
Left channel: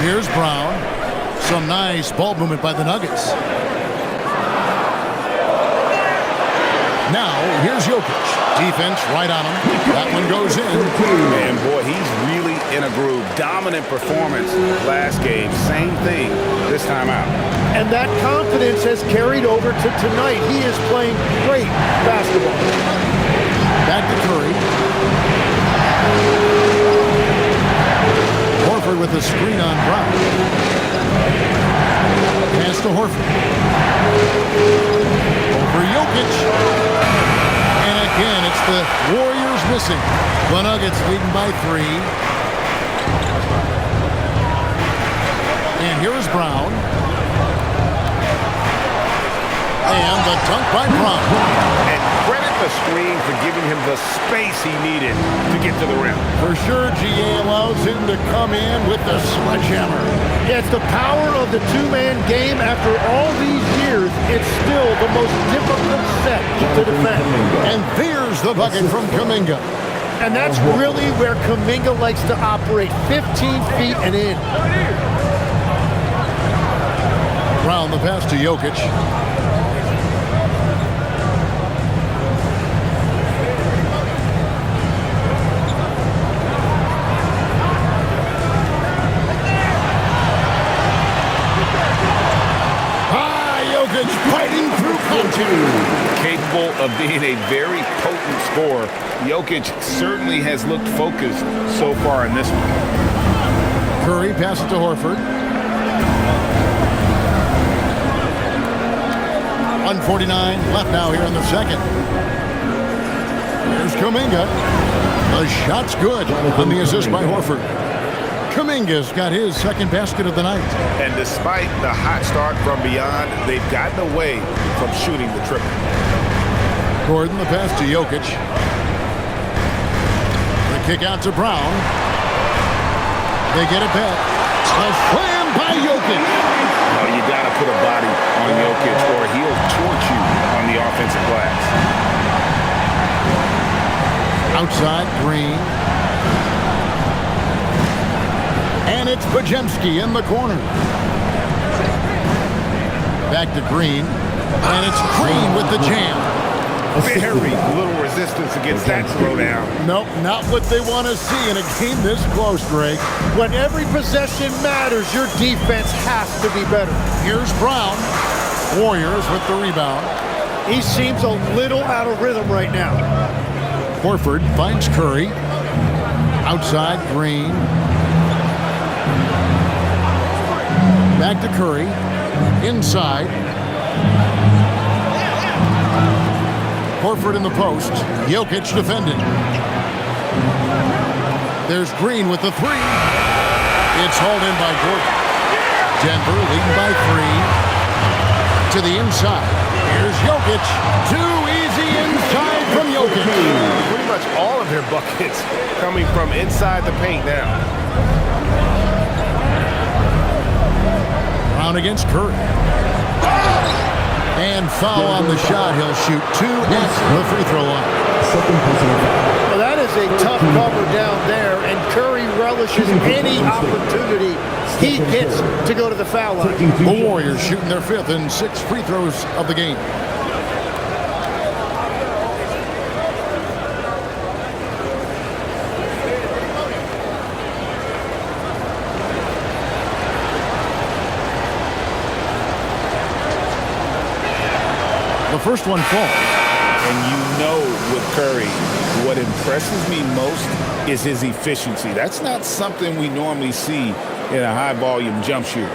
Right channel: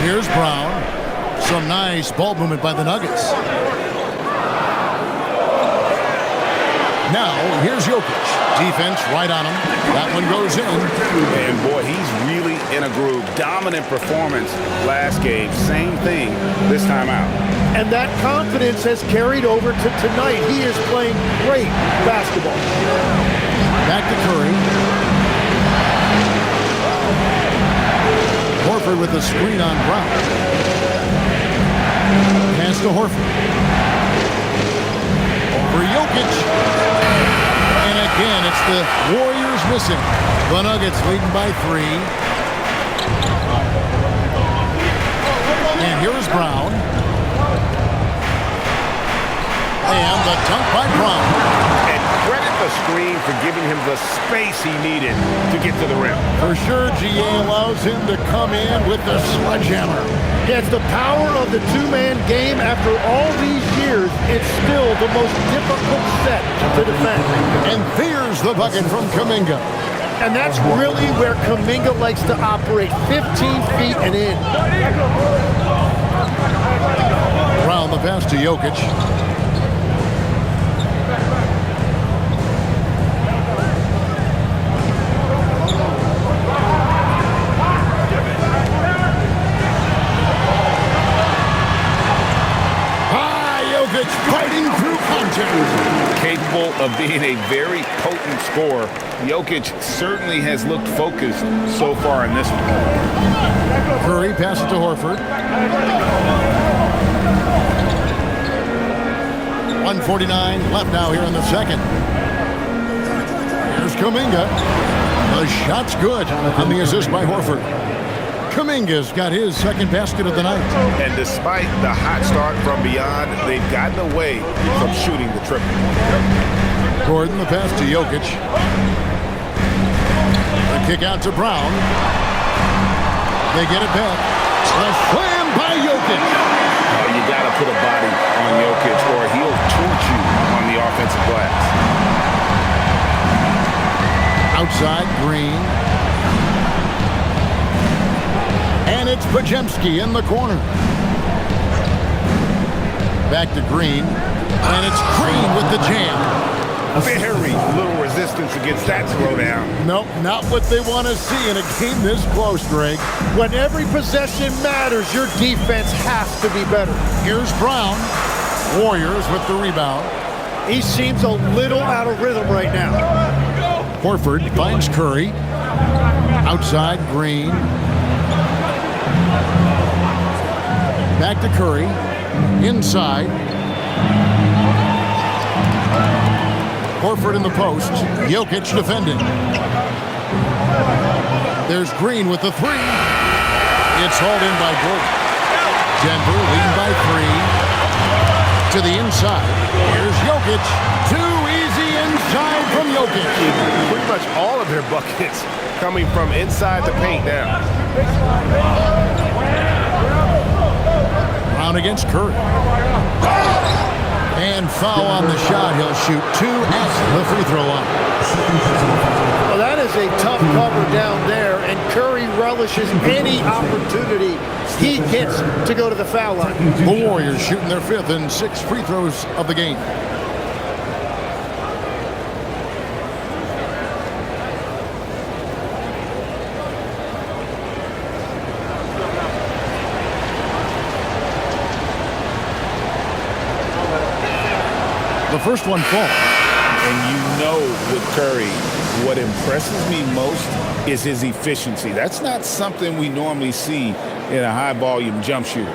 Here's Brown. Some nice ball movement by the Nuggets. Now, here's Jokic. Defense right on him. That one goes in. And boy, he's really in a groove. Dominant performance last game. Same thing this time out. And that confidence has carried over to tonight. He is playing great basketball. Back to Curry. Horford with the screen on Brown. Pass to Horford. Over Jokic. And again, it's the Warriors missing. The Nuggets leading by 3. And here is Brown. And the dunk by Brown. And credit the screen for giving him the space he needed to get to the rim. For sure, GA allows him to come in with the sledgehammer. Yeah, it's the power of the 2-man game. After all these years, it's still the most difficult set to defend. And there's the bucket from Kuminga. And that's really where Kuminga likes to operate, 15 feet and in. Brown the pass to Jokic. Jokic fighting through contact. Capable of being a very potent scorer. Jokic certainly has looked focused so far in this one. Curry passes to Horford. 1:49 left now here in the second. Here's Kuminga. The shot's good on the assist by Horford. Kuminga's got his second basket of the night. And despite the hot start from beyond, they've gotten away from shooting the triple. Gordon, the pass to Jokic. The kick out to Brown. They get it back. A slam by Jokic. Oh, you got to put a body on Jokic or he'll torch you on the offensive glass. Outside, Green. And it's Podziemski in the corner. Back to Green. And it's Green with the jam. Very little resistance against that throwdown. Nope, not what they want to see in a game this close, Greg. When every possession matters, your defense has to be better. Here's Brown. Warriors with the rebound. He seems a little out of rhythm right now. Horford finds Curry. Outside, Green. Back to Curry. Inside. Horford in the post. Jokic defending. There's Green with the 3. It's hauled in by Gordon. Denver leading by 3. To the inside. Here's Jokic. Too easy inside from Jokic. Pretty much all of their buckets coming from inside the paint now. Brown against Curry. And foul on the shot. He'll shoot 2 at the free throw line. Well, that is a tough cover down there, and Curry relishes any opportunity he gets to go to the foul line. The Warriors shooting their 5th and 6th free throws of the game. The first one falls. And you know with Curry, what impresses me most is his efficiency. That's not something we normally see in a high-volume jump shooter.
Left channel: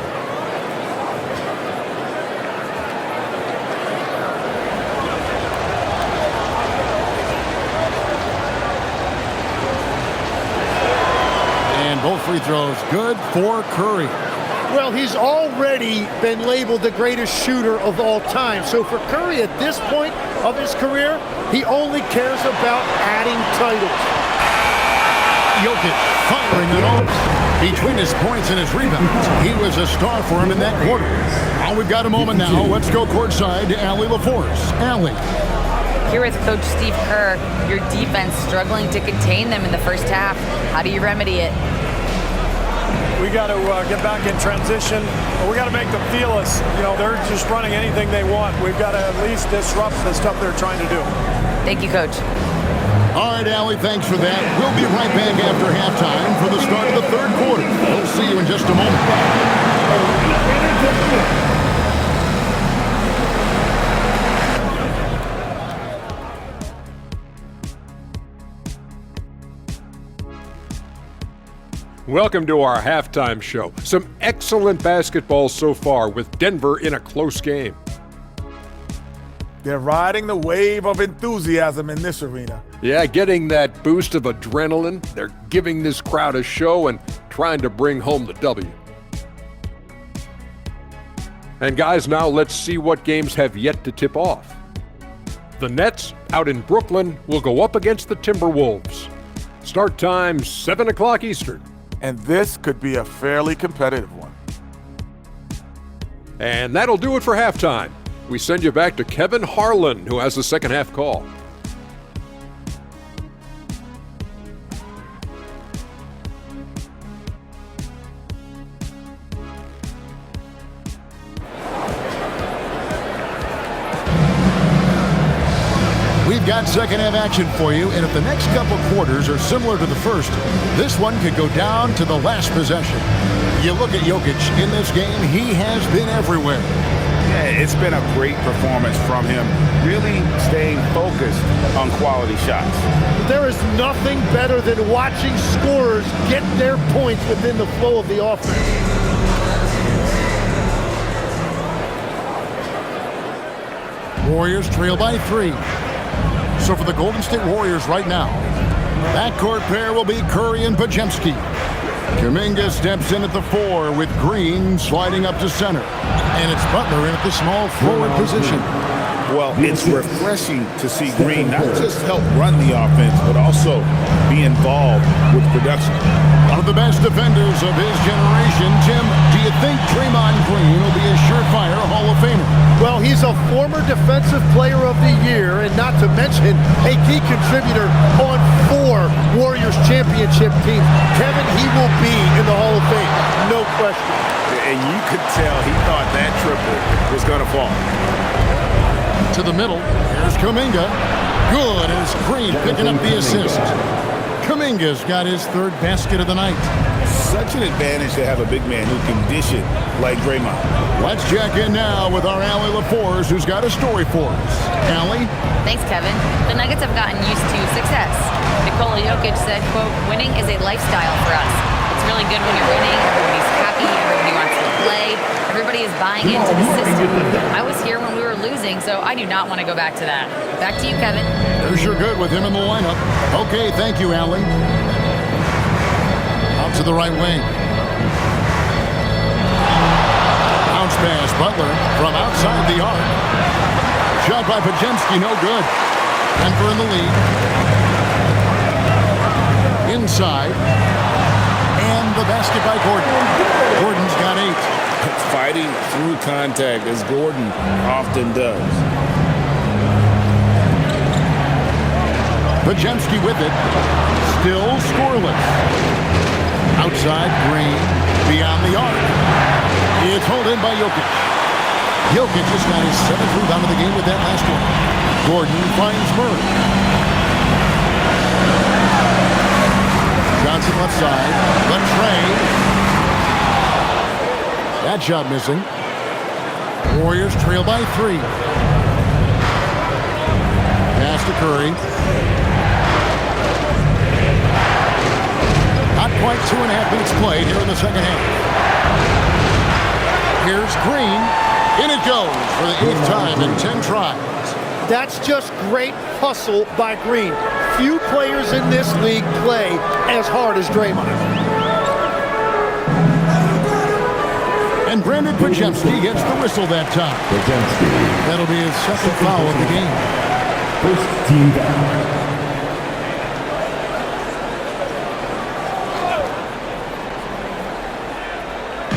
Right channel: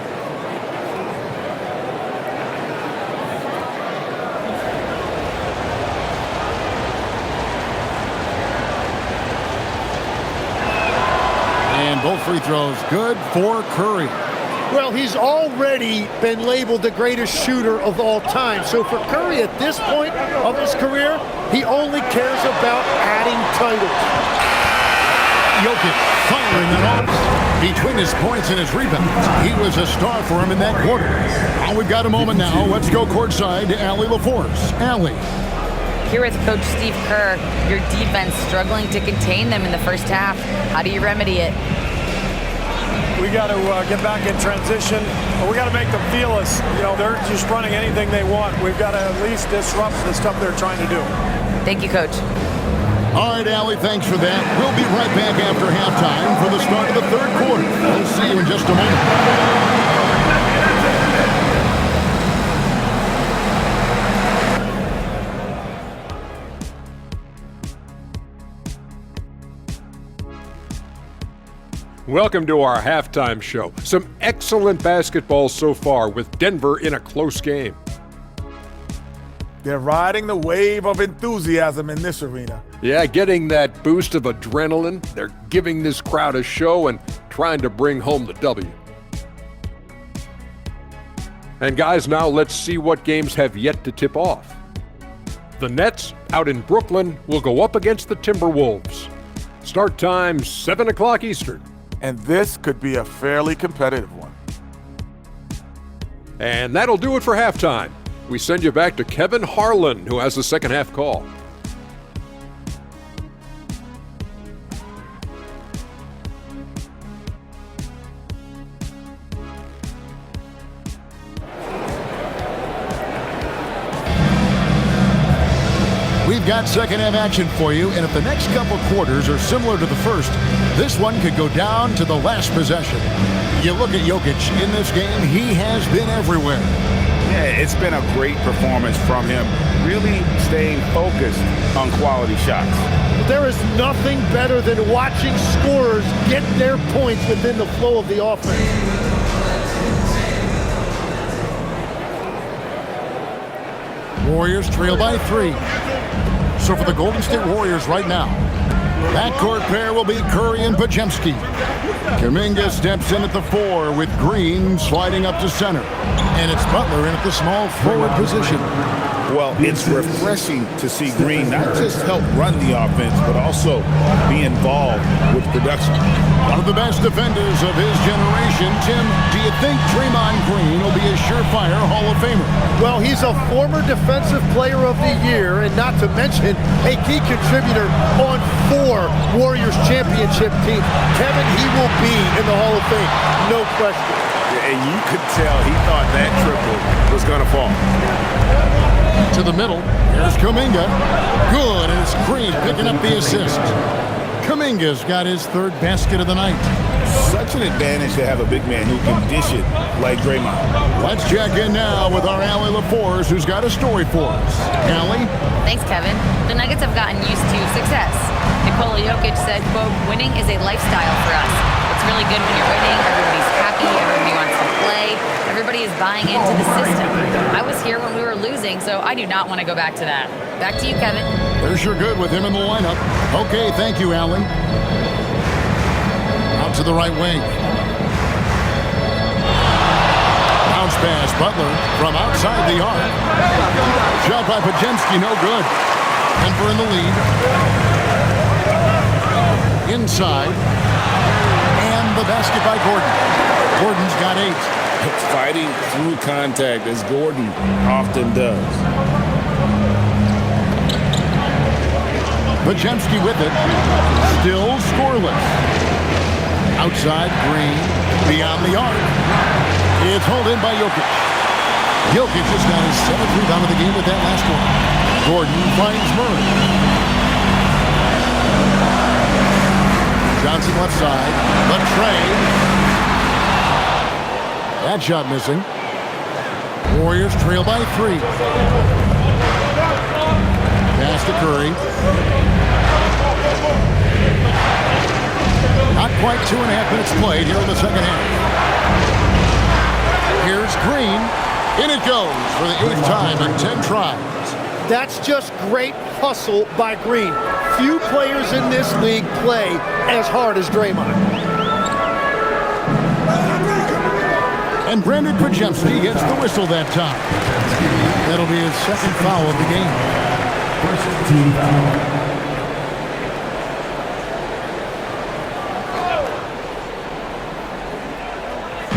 And both free throws good for Curry. Well, he's already been labeled the greatest shooter of all time. So for Curry at this point of his career, he only cares about adding titles. Jokic firing on all. Between his points and his rebounds, he was a star for him in that quarter. Well, we've got a moment now. Let's go courtside to Allie LaForce. Allie. Here with Coach Steve Kerr, your defense struggling to contain them in the first half. How do you remedy it? We got to get back in transition. We got to make them feel us. You know, they're just running anything they want. We've got to at least disrupt the stuff they're trying to do. Thank you, Coach. All right, Allie, thanks for that. We'll be right back after halftime for the start of the 3rd quarter. We'll see you in just a moment. Welcome to our halftime show. Some excellent basketball so far with Denver in a close game. They're riding the wave of enthusiasm in this arena. Yeah, getting that boost of adrenaline. They're giving this crowd a show and trying to bring home the W. And guys, now let's see what games have yet to tip off. The Nets out in Brooklyn will go up against the Timberwolves. Start time 7 o'clock Eastern. And this could be a fairly competitive one. And that'll do it for halftime. We send you back to Kevin Harlan, who has the second half call. We've got second half action for you, and if the next couple quarters are similar to the first, this one could go down to the last possession. You look at Jokic in this game, he has been everywhere. Yeah, it's been a great performance from him, really staying focused on quality shots. There is nothing better than watching scorers get their points within the flow of the offense. Warriors trail by 3. So for the Golden State Warriors right now, backcourt pair will be Curry and Podziemski. Kuminga steps in at the 4 with Green sliding up to center. And it's Butler in at the small forward position. Well, it's refreshing to see Green not just help run the offense, but also be involved with production. One of the best defenders of his generation. Tim, do you think Draymond Green will be a surefire Hall of Famer? Well, he's a former Defensive Player of the Year, and not to mention a key contributor on 4 Warriors championship teams. Kevin, he will be in the Hall of Fame, no question. And you could tell he thought that triple was going to fall. To the middle, here's Kuminga. Good, and it's Green picking up the assist. Kuminga's got his 3rd basket of the night. Such an advantage to have a big man who can dish it like Draymond. Let's check in now with our Allie LaForce, who's got a story for us. Allie? Thanks, Kevin. The Nuggets have gotten used to success. Nikola Jokic said, quote, "Winning is a lifestyle for us. It's really good when you're winning. Everybody's happy. Everybody wants to play. Everybody is buying into the system. I was here when we were losing, so I do not want to go back to that." Back to you, Kevin. They're sure good with him in the lineup. Okay, thank you, Allie. Out to the right wing. Bounce pass, Butler from outside the arc. Shot by Podziemski, no good. Denver in the lead. Inside. And the basket by Gordon. Gordon's got 8. Fighting through contact, as Gordon often does. Pajemski with it. Still scoreless. Outside Green. Beyond the arc. It's hauled in by Jokic. Jokic just got his 7th rebound of the game with that last one. Gordon finds Murray. Johnson left side. The trade. That shot missing. Warriors trail by 3. Pass to Curry. Not quite 2.5 minutes played here in the second half. Here's Green. In it goes for the 8th time in 10 tries. That's just great hustle by Green. Few players in this league play as hard as Draymond. And Brandon Pajemski gets the whistle that time. That'll be his 2nd foul of the game. First team foul.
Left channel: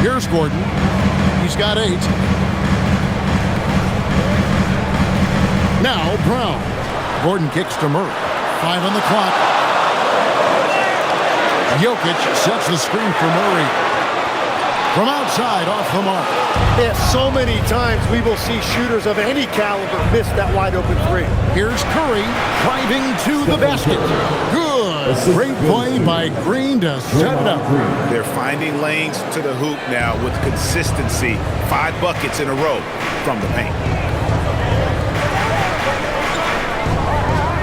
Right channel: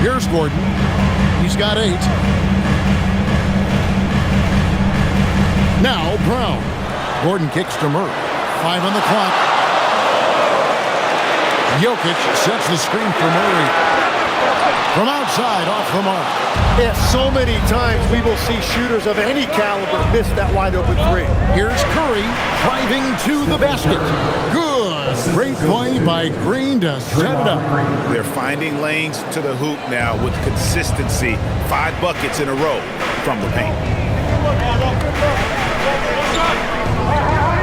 Here's Gordon. He's got 8. Now Brown. Gordon kicks to Murray. 5 on the clock. Jokic sets the screen for Murray. From outside, off the mark. Yeah, so many times we will see shooters of any caliber miss that wide open 3. Here's Curry driving to the basket. Good. Great play by Green to set it up. They're finding lanes to the hoop now with consistency. 5 buckets in a row from the paint.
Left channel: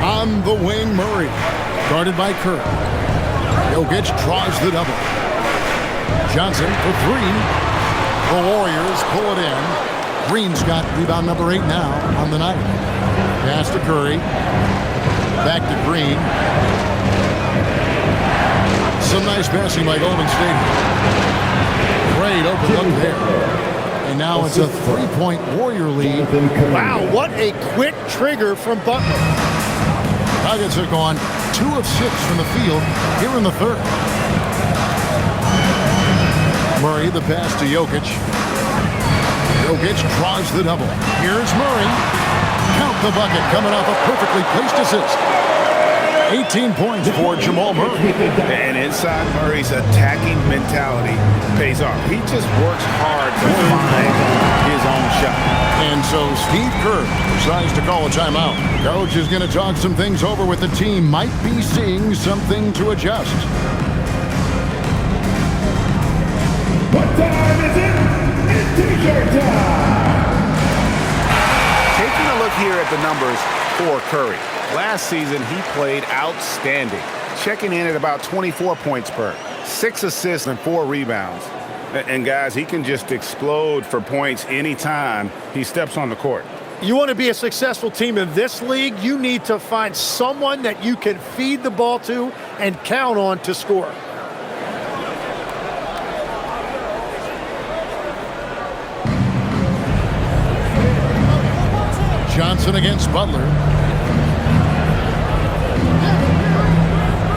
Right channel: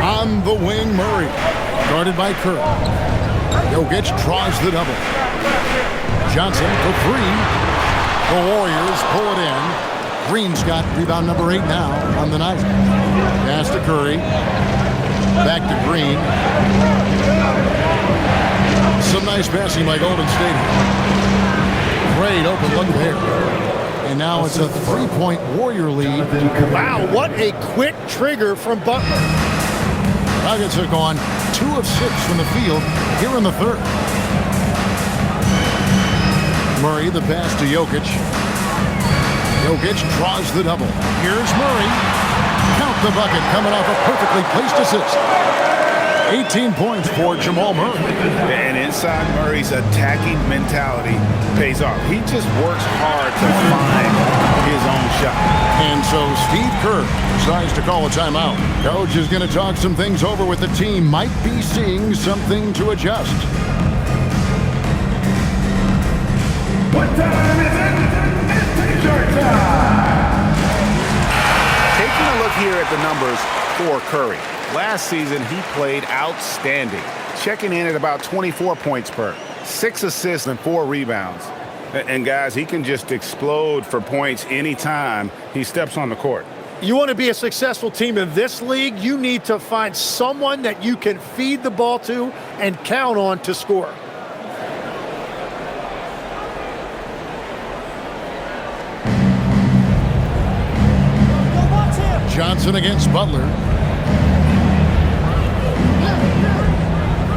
On the wing, Murray. Guarded by Curry. Jokic draws the double. Johnson for 3. The Warriors pull it in. Green's got rebound number 8 now on the night. Pass to Curry. Back to Green. Some nice passing by Golden State. Great open look there. And now it's a 3-point Warrior lead. Wow, what a quick trigger from Butler. Nuggets have gone 2 of 6 from the field here in the 3rd. Murray, the pass to Jokic. Jokic draws the double. Here's Murray. Count the bucket coming off a perfectly placed assist. 18 points for Jamal Murray. And inside Murray's attacking mentality pays off. He just works hard to find his own shot. And so Steve Kerr decides to call a timeout. Coach is going to talk some things over with the team. Might be seeing something to adjust. What time is it? It's t-shirt time! Taking a look here at the numbers for Curry. Last season, he played outstanding, checking in at about 24 points per, 6 assists and 4 rebounds. And guys, he can just explode for points anytime he steps on the court. You want to be a successful team in this league, you need to find someone that you can feed the ball to and count on to score. Johnson against Butler.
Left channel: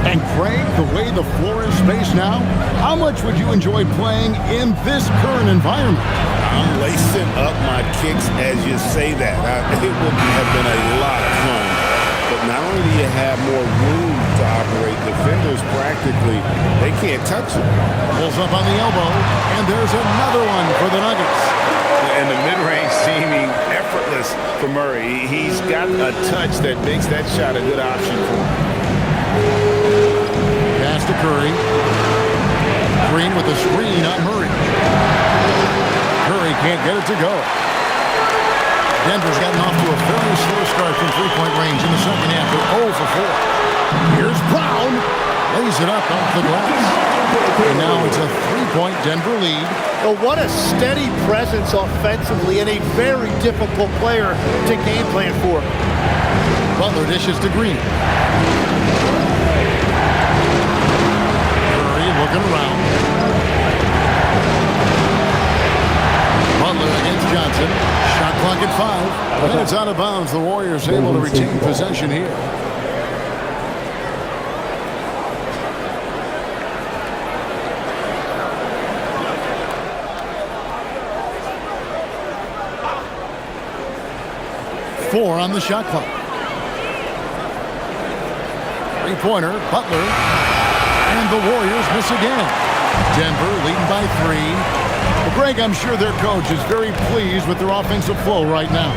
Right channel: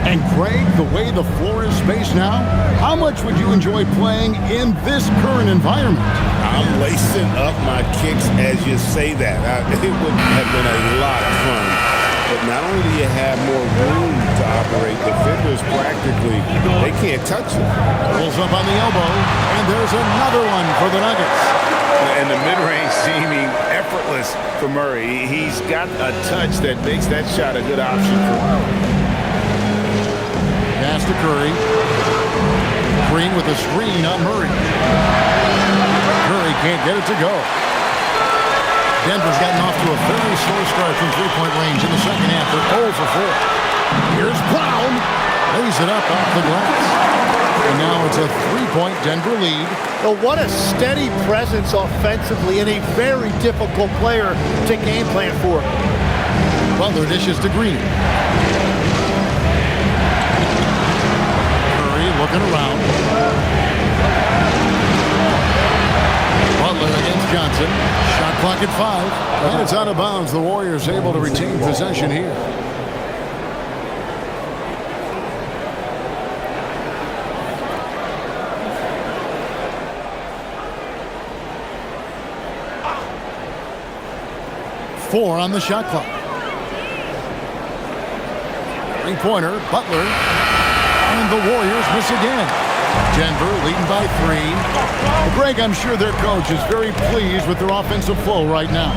And Craig, the way the floor is spaced now, how much would you enjoy playing in this current environment? I'm lacing up my kicks as you say that. It would have been a lot of fun. But not only do you have more room to operate, defenders practically, they can't touch it. Pulls up on the elbow, and there's another one for the Nuggets. And the mid-range seeming effortless for Murray. He's got a touch that makes that shot a good option for him. Pass to Curry. Green with a screen on Murray. Curry can't get it to go. Denver's gotten off to a very slow start from three-point range in the second half. They're 0 for 4. Here's Brown. Lays it up off the glass. And now it's a 3-point Denver lead. Well, what a steady presence offensively and a very difficult player to game plan for. Butler dishes to Green. Curry looking around. Butler against Johnson. Shot clock at 5. And it's out of bounds. The Warriors able to retain possession here. Four on the shot clock. Three-pointer, Butler. And the Warriors miss again. Denver leading by 3. Well, Greg, I'm sure their coach is very pleased with their offensive flow right now.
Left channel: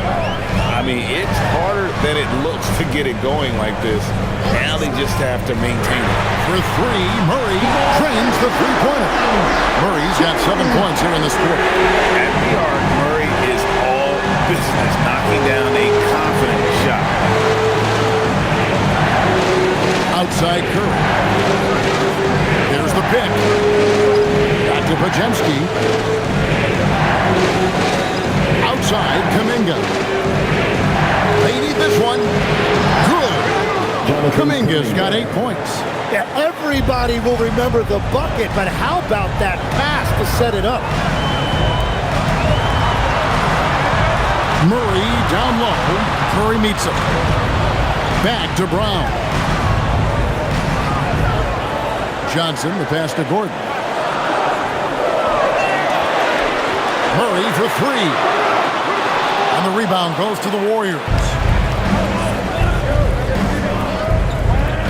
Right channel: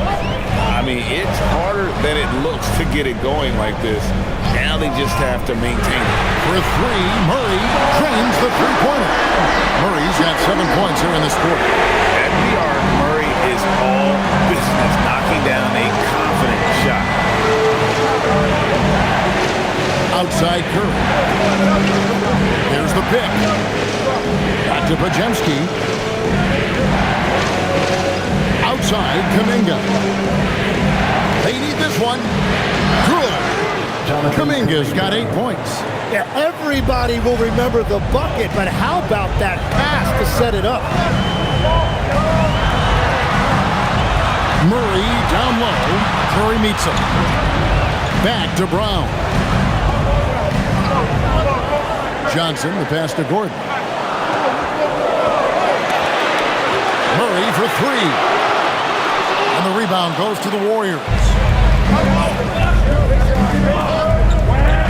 I mean, it's harder than it looks to get it going like this. Now they just have to maintain it. For 3, Murray drains the three-pointer. Murray's got 7 points here in this quarter. At the arc, Murray is all business, knocking down a confident shot. Outside Curry. There's the pick. Back to Pajemski. Outside Kuminga. They need this one. Good. Kuminga's got 8 points. Yeah, everybody will remember the bucket, but how about that pass to set it up? Murray down low. Curry meets him. Back to Brown. Johnson, the pass to Gordon. Murray for 3. And the rebound goes to the Warriors.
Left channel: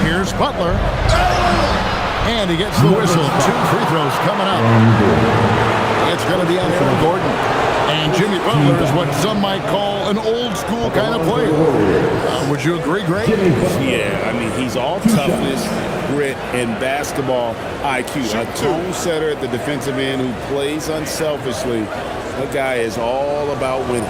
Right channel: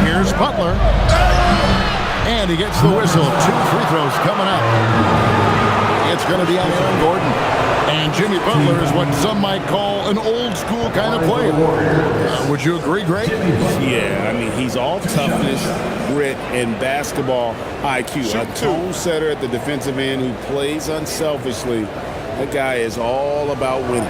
Here's Butler. And he gets the whistle. 2 free throws coming up. It's going to be on Aaron Gordon. And Jimmy Butler is what some might call an old school kind of player. Would you agree, Greg? Yeah, I mean, he's all toughness, grit, and basketball IQ. A tone setter at the defensive end who plays unselfishly. That guy is all about winning.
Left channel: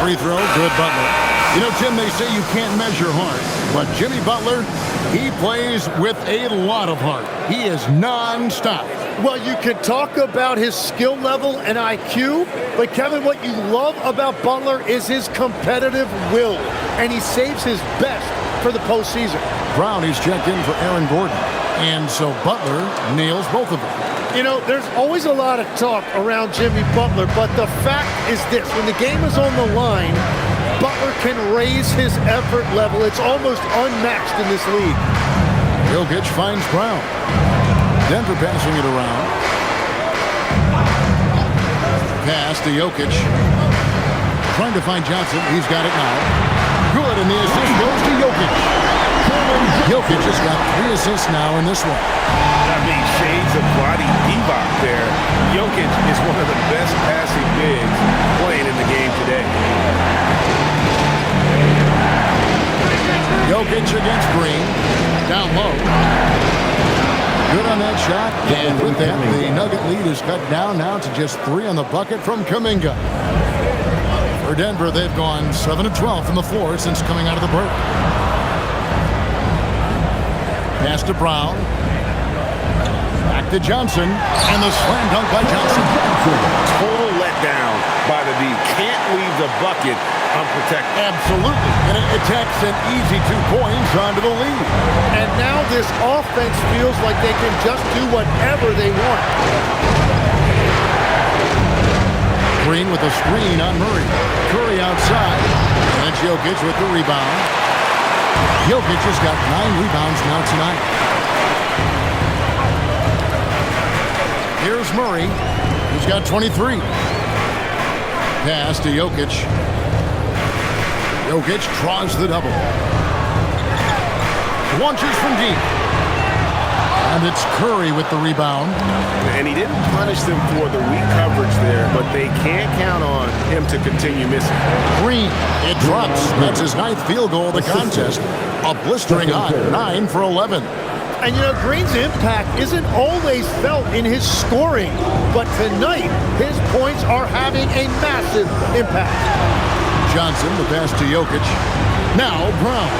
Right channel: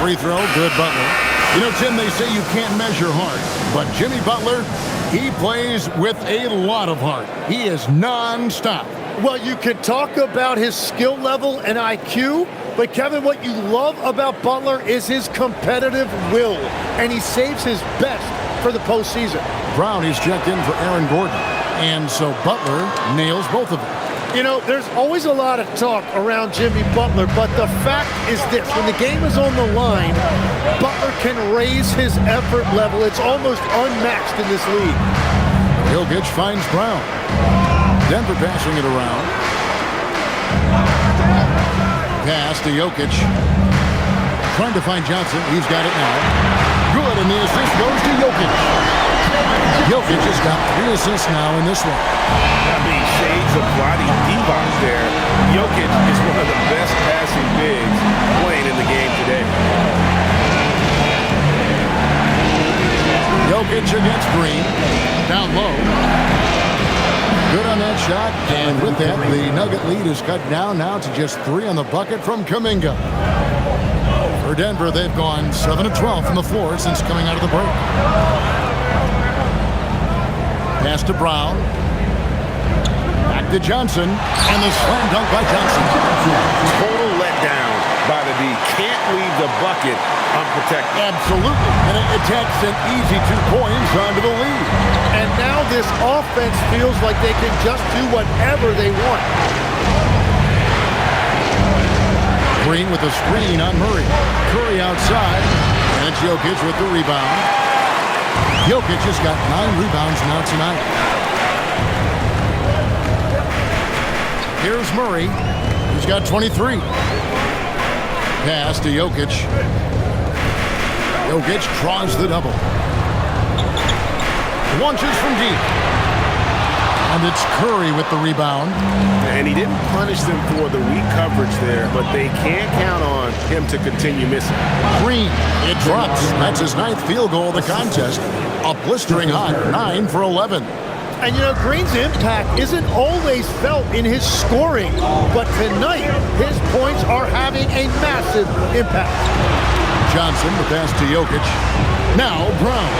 Free throw, good Butler. You know, Tim, they say you can't measure heart, but Jimmy Butler, he plays with a lot of heart. He is non-stop. Well, you can talk about his skill level and IQ, but Kevin, what you love about Butler is his competitive will, and he saves his best for the postseason. Brown is checked in for Aaron Gordon, and so Butler nails both of them. You know, there's always a lot of talk around Jimmy Butler, but the fact is this. When the game is on the line, Butler can raise his effort level. It's almost unmatched in this league. Jokic finds Brown. Denver passing it around. Pass to Jokic. Trying to find Johnson. He's got it now. Good, and the assist goes to Jokic. Jokic has got 3 assists now in this one. I mean, shades of Vlade Divac there. Jokic is one of the best passing bigs playing in the game today. Jokic against Green. Down low. Good on that shot. And with that, the Nugget lead is cut down now to just 3 on the bucket from Kuminga. For Denver, they've gone 7 of 12 from the floor since coming out of the break. Pass to Brown. Back to Johnson. And the slam dunk by Johnson. Total letdown by the D. Can't leave the bucket unprotected. Absolutely. And it takes an easy 2 points onto the lead. And now this offense feels like they can just do whatever they want. Green with a screen on Murray. Curry outside. And it's Jokic with the rebound. Jokic has got 9 rebounds now tonight. Here's Murray. He's got 23. Pass to Jokic. Jokic draws the double. Launches from deep. And it's Curry with the rebound. And he didn't punish them for the weak coverage there, but they can't count on him to continue missing. Green, it drops. That's his 9th field goal of the contest. A blistering hot 9 for 11. And, you know, Green's impact isn't always felt in his scoring, but tonight his points are having a massive impact. Johnson, the pass to Jokic. Now Brown.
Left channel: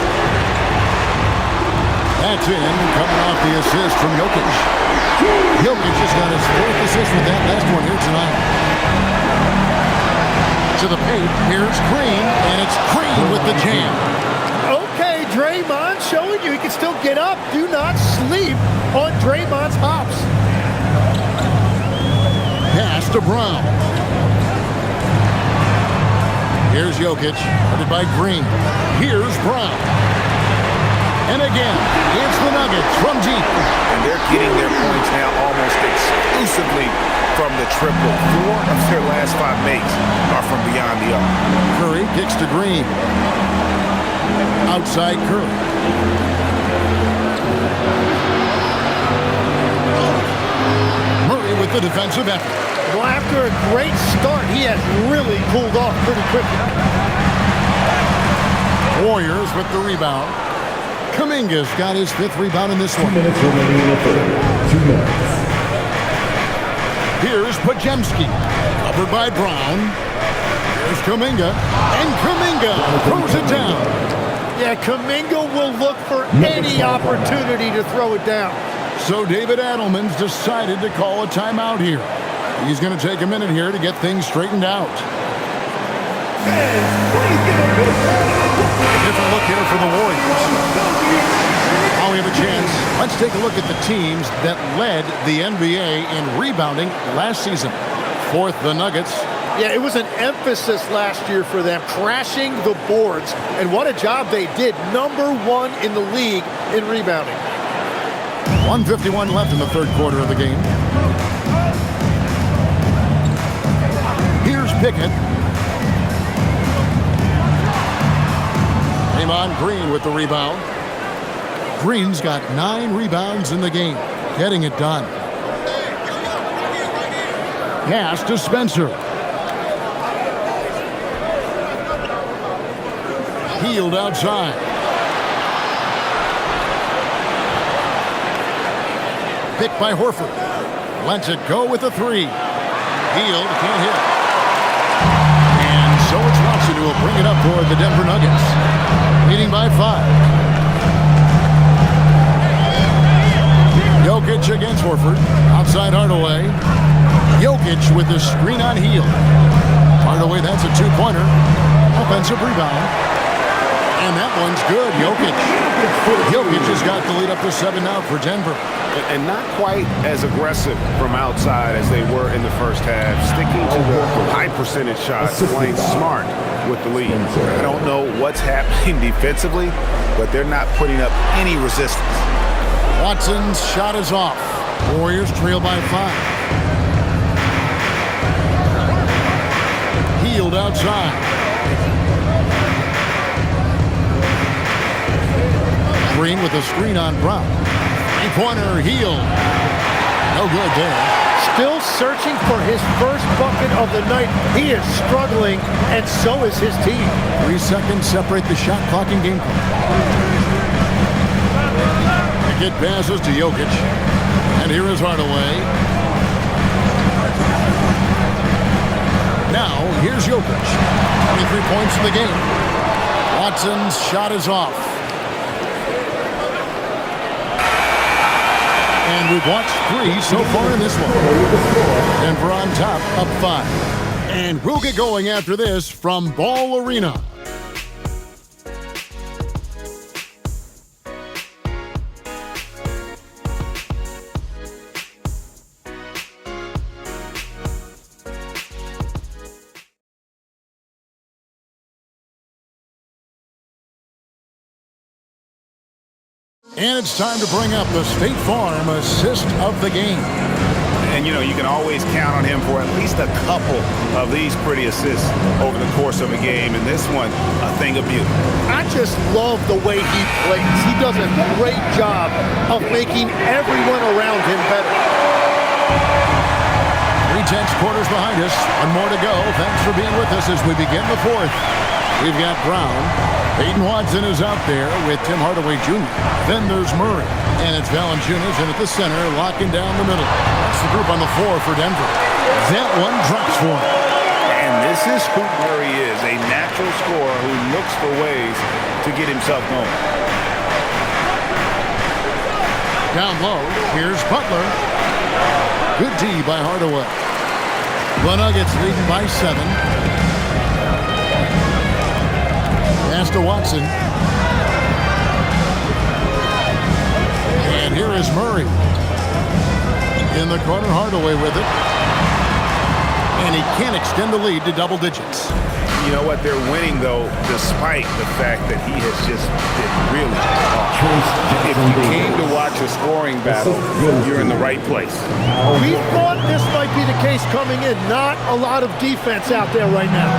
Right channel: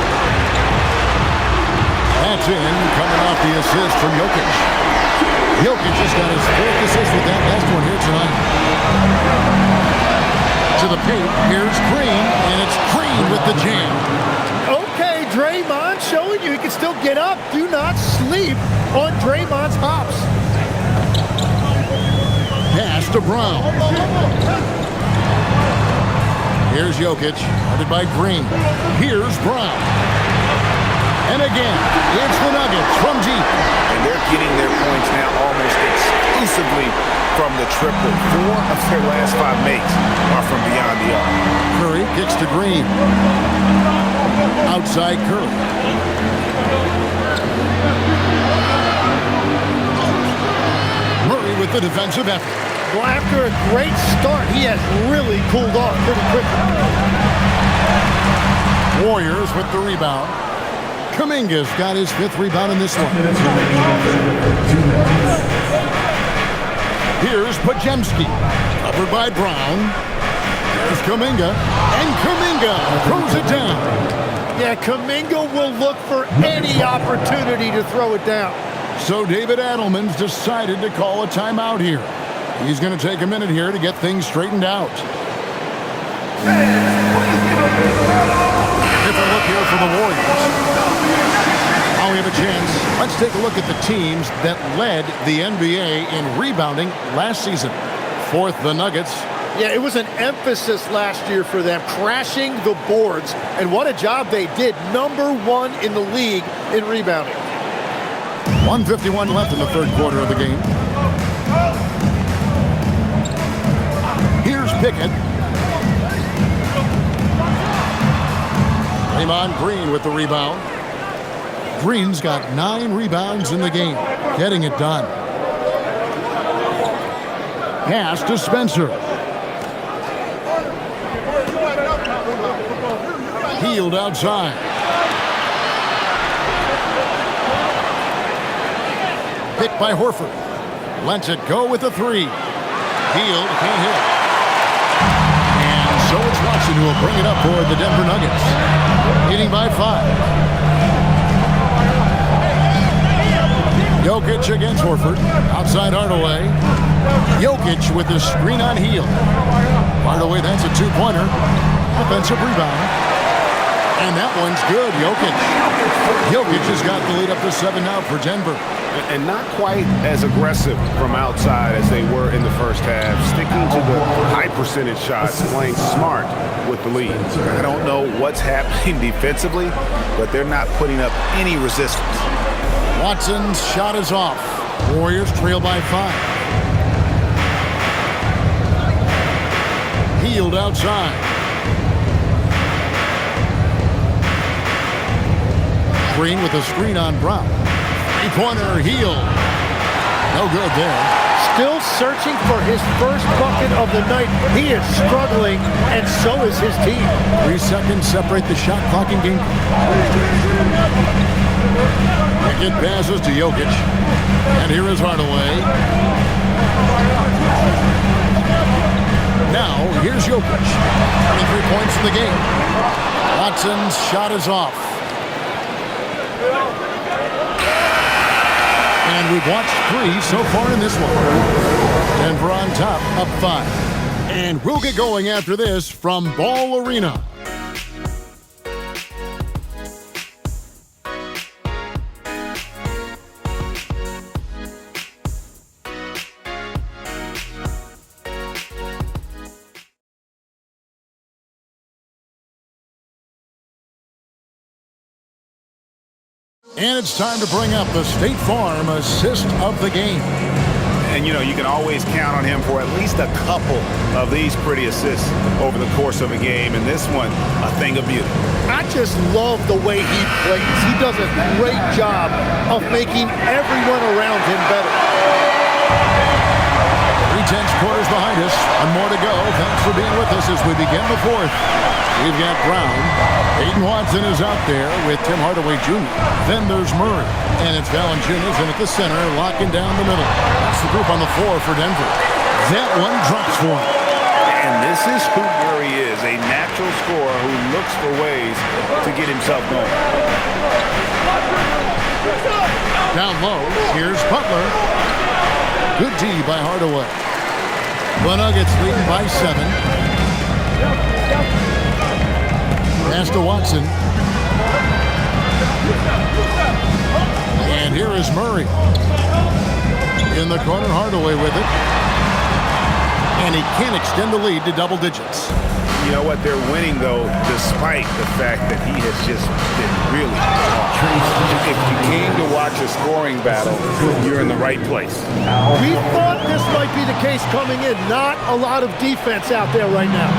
That's in, coming off the assist from Jokic. Jokic just got his 4th assist with that last one here tonight. To the paint, here's Green, and it's Green with the jam. Okay, Draymond showing you he can still get up. Do not sleep on Draymond's hops. Pass to Brown. Here's Jokic, guarded by Green. Here's Brown. And again, it's the Nuggets from deep. And they're getting their points now almost exclusively from the triple. 4 of their last 5 makes are from beyond the arc. Curry kicks to Green. Outside Curry. Murray with the defensive effort. Well, after a great start, he has really cooled off pretty quickly. Warriors with the rebound. Kuminga's got his 5th rebound in this one. 2 minutes remaining in the third. 2 minutes. Here's Podziemski. Covered by Brown. Here's Kuminga. And Kuminga throws it down. Yeah, Kuminga will look for any opportunity to throw it down. So David Adelman's decided to call a timeout here. He's going to take a minute here to get things straightened out. Different look here for the Warriors. Now we have a chance. Let's take a look at the teams that led the NBA in rebounding last season. 4th, the Nuggets. Yeah, it was an emphasis last year for them, crashing the boards. And what a job they did. Number 1 in the league in rebounding. 1:51 left in the 3rd quarter of the game. Here's Pickett. Draymond Green with the rebound. Green's got 9 rebounds in the game, getting it done. Pass to Spencer. Healed outside. Picked by Horford. Lets it go with a 3. Healed, can't hit. And so it's Watson who will bring it up for the Denver Nuggets. Leading by 5. Jokic against Horford. Outside Hardaway. Jokic with the screen on Hield. Hardaway, that's a 2-pointer. Offensive rebound. And that one's good. Jokic has got the lead up to 7 now for Denver. And not quite as aggressive from outside as they were in the first half. Sticking to the high percentage shots, playing smart with the lead. I don't know what's happening defensively, but they're not putting up any resistance. Watson's shot is off. Warriors trail by 5. Hield outside. Green with a screen on Brown. 3-pointer, Hield. No good there. Still searching for his first bucket of the night. He is struggling, and so is his team. 3 seconds separate the shot clock and game clock. Pickett passes to Jokic. And here is Hardaway. Now, here's Jokic. 23 points in the game. Watson's shot is off. And we've watched 3 so far in this one. Denver on top, up 5. And we'll get going after this from Ball Arena. And it's time to bring up the State Farm assist of the game. And, you know, you can always count on him for at least a couple of these pretty assists over the course of a game. And this one, a thing of beauty. I just love the way he plays. He does a great job of making everyone around him better. 3/10 quarters behind us. One more to go. Thanks for being with us as we begin the 4th. We've got Brown. Peyton Watson is out there with Tim Hardaway Jr. Then there's Murray. And it's Valanciunas in at the center, locking down the middle. That's the group on the floor for Denver. That one drops for him. And this is who Murray is, a natural scorer who looks for ways to get himself going. Down low, here's Butler. Good D by Hardaway. The Nuggets leading by 7. Pass to Watson. And here is Murray. In the corner, Hardaway with it. And he can't extend the lead to double digits. You know what? They're winning, though, despite the fact that he has just been really off. If you came to watch a scoring battle, you're in the right place. We thought this might be the case coming in. Not a lot of defense out there right now.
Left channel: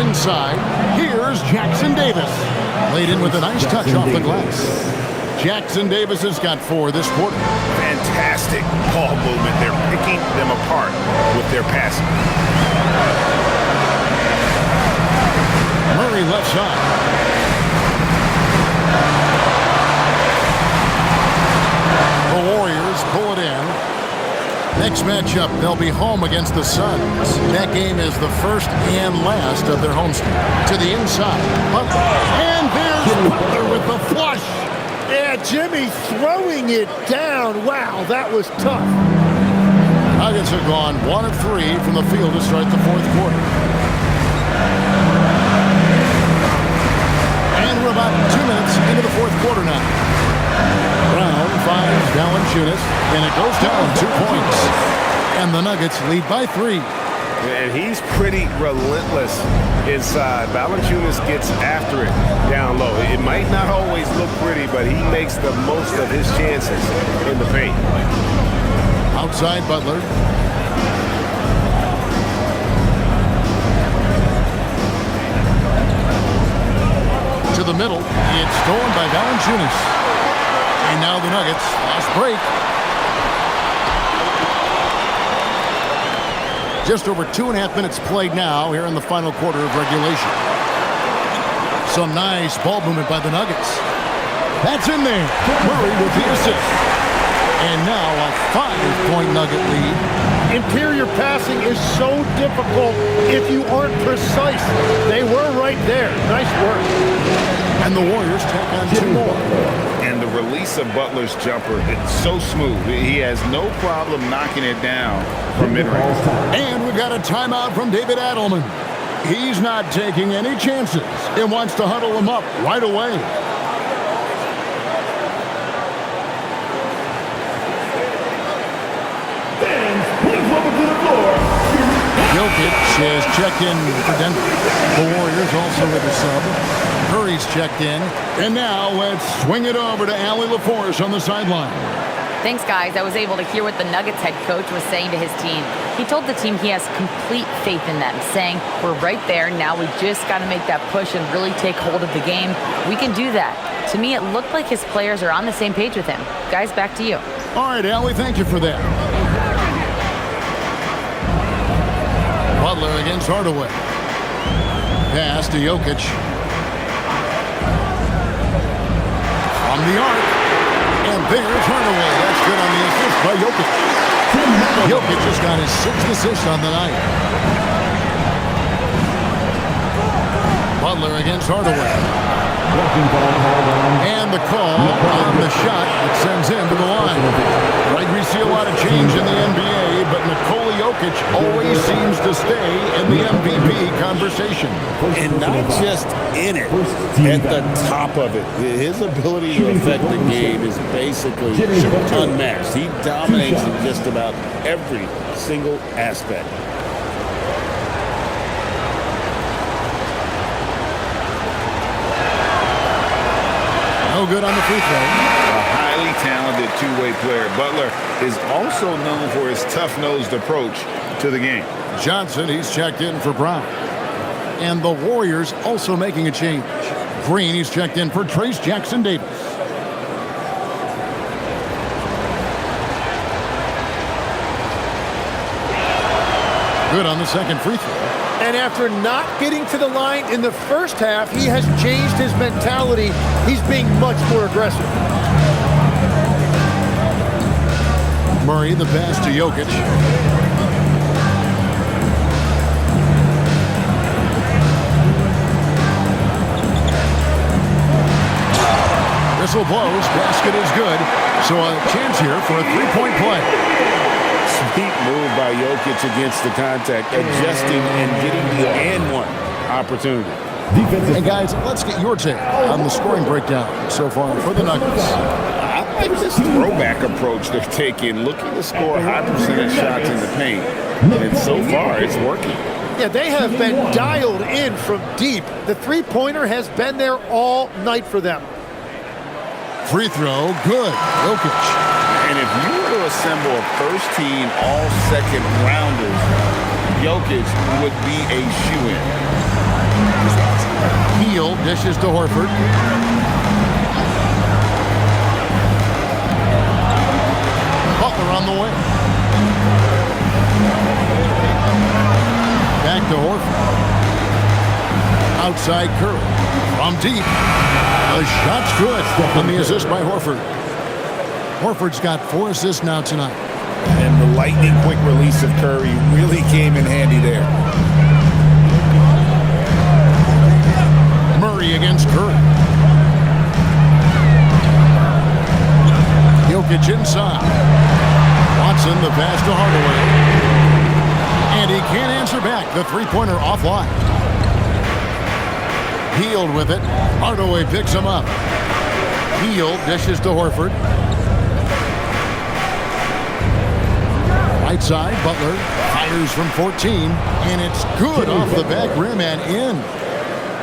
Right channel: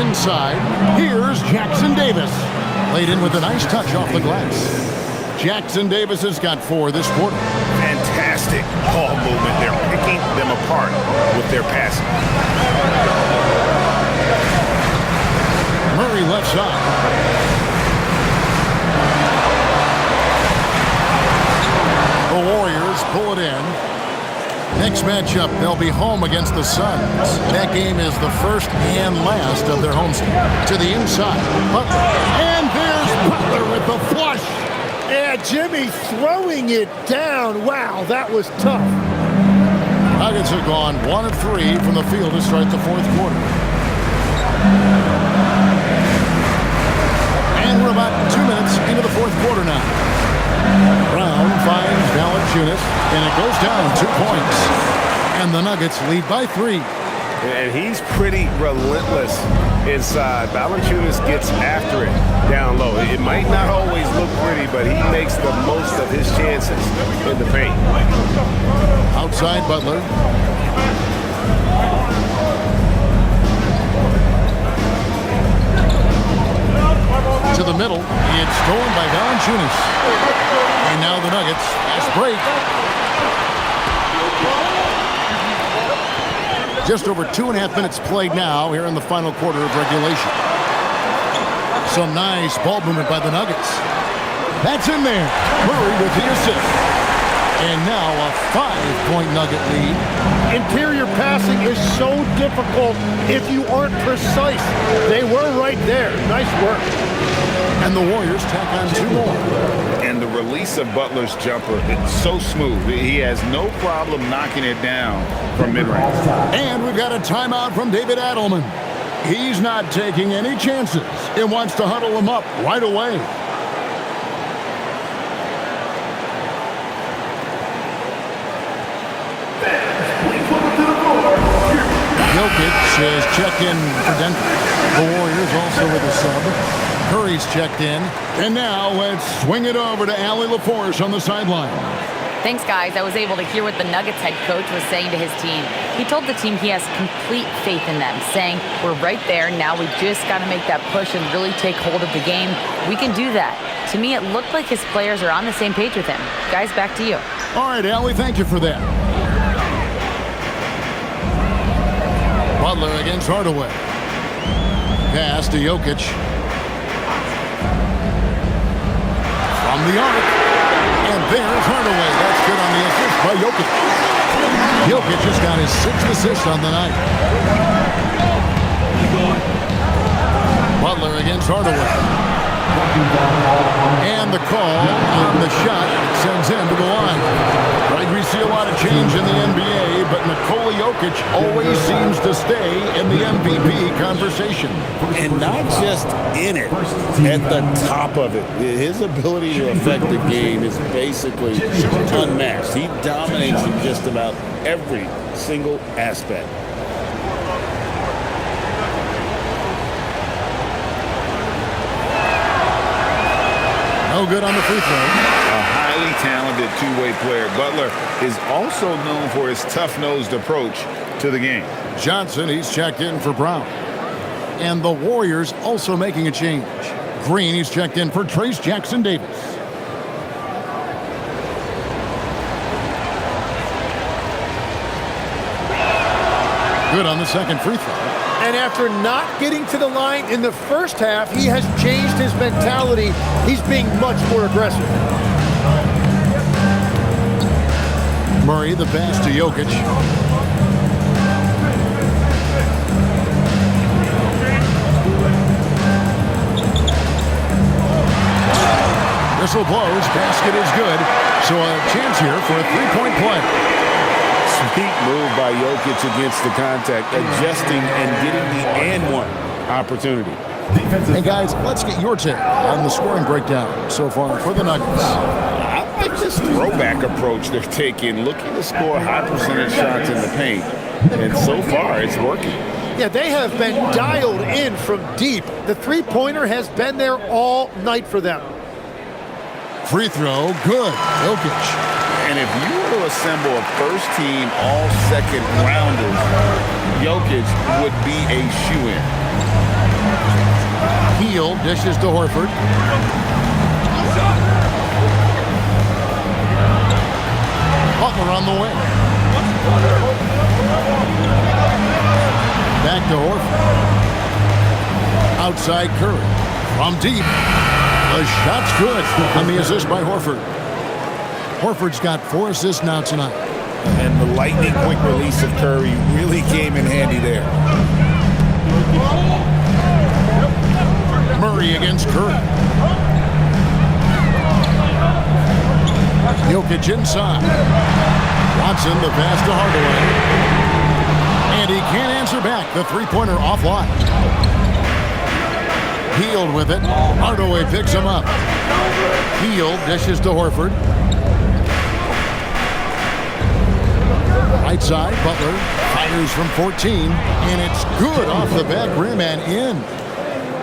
Inside, here's Jackson Davis. Laid in with a nice touch off the glass. Jackson Davis has got 4 this quarter. Fantastic ball movement. They're picking them apart with their passing. Murray left side. The Warriors pull it in. Next matchup, they'll be home against the Suns. That game is the first and last of their homestand. To the inside, Butler. And there's Butler with the flush. Yeah, Jimmy throwing it down. Wow, that was tough. Nuggets have gone 1 of 3 from the field to start the 4th quarter. And we're about 2 minutes into the 4th quarter now. Brown finds Valanciunas, and it goes down 2 points. And the Nuggets lead by 3. And he's pretty relentless inside. Valanciunas gets after it down low. It might not always look pretty, but he makes the most of his chances in the paint. Outside Butler. To the middle. It's stolen by Valanciunas. And now the Nuggets. Fast break. Just over 2.5 minutes played now here in the final quarter of regulation. Some nice ball movement by the Nuggets. That's in there. Murray with the assist. And now a 5-point Nugget lead. Interior passing is so difficult if you aren't precise. They were right there. Nice work. And the Warriors tack on 2 more. And the release of Butler's jumper, it's so smooth. He has no problem knocking it down from mid-range. And we've got a timeout from David Adelman. He's not taking any chances and wants to huddle them up right away. Please welcome to the floor. Jokic is checked in for Denver. The Warriors also with a sub. Curry's checked in. And now let's swing it over to Allie LaForce on the sideline. Thanks, guys. I was able to hear what the Nuggets head coach was saying to his team. He told the team he has complete faith in them, saying, we're right there. Now we just got to make that push and really take hold of the game. We can do that. To me, it looked like his players are on the same page with him. Guys, back to you. All right, Allie, thank you for that. Butler against Hardaway. Pass to Jokic. From the arc. And there's Hardaway. That's good on the assist by Jokic. Jokic just got his 6th assist on the night. Butler against Hardaway. And the call on the shot that sends him to the line. Right, we see a lot of change in the NBA, but Nikola Jokic always seems to stay in the MVP conversation. And not just in it, at the top of it. His ability to affect the game is basically unmatched. He dominates in just about every single aspect. No good on the free throw. A highly talented two-way player. Butler is also known for his tough-nosed approach to the game. Johnson, he's checked in for Brown. And the Warriors also making a change. Green, he's checked in for Trace Jackson Davis. Good on the second free throw. And after not getting to the line in the first half, he has changed his mentality. He's being much more aggressive. Murray, the pass to Jokic. Whistle blows, basket is good. So a chance here for a three-point play. Sweet move by Jokic against the contact, adjusting and getting the and one opportunity. And guys, let's get your take on the scoring breakdown so far for the Nuggets. I like this throwback approach they're taking, looking to score high percentage shots in the paint. And so far, it's working. Yeah, they have been dialed in from deep. The three-pointer has been there all night for them. Free throw, good. Jokic. And if you were to assemble a first-team all-second rounders, Jokic would be a shoo-in. Heel dishes to Horford. Butler on the way. Back to Horford. Outside Curry. From deep. The shot's good on the assist by Horford. Horford's got 4 assists now tonight. And the lightning quick release of Curry really came in handy there. Murray against Curry. Jokic inside. Watson the pass to Hardaway. And he can't answer back. The three-pointer offline. Hield with it. Hardaway picks him up. Hield dishes to Horford. Right side, Butler fires from 14, and it's good off the back rim and in.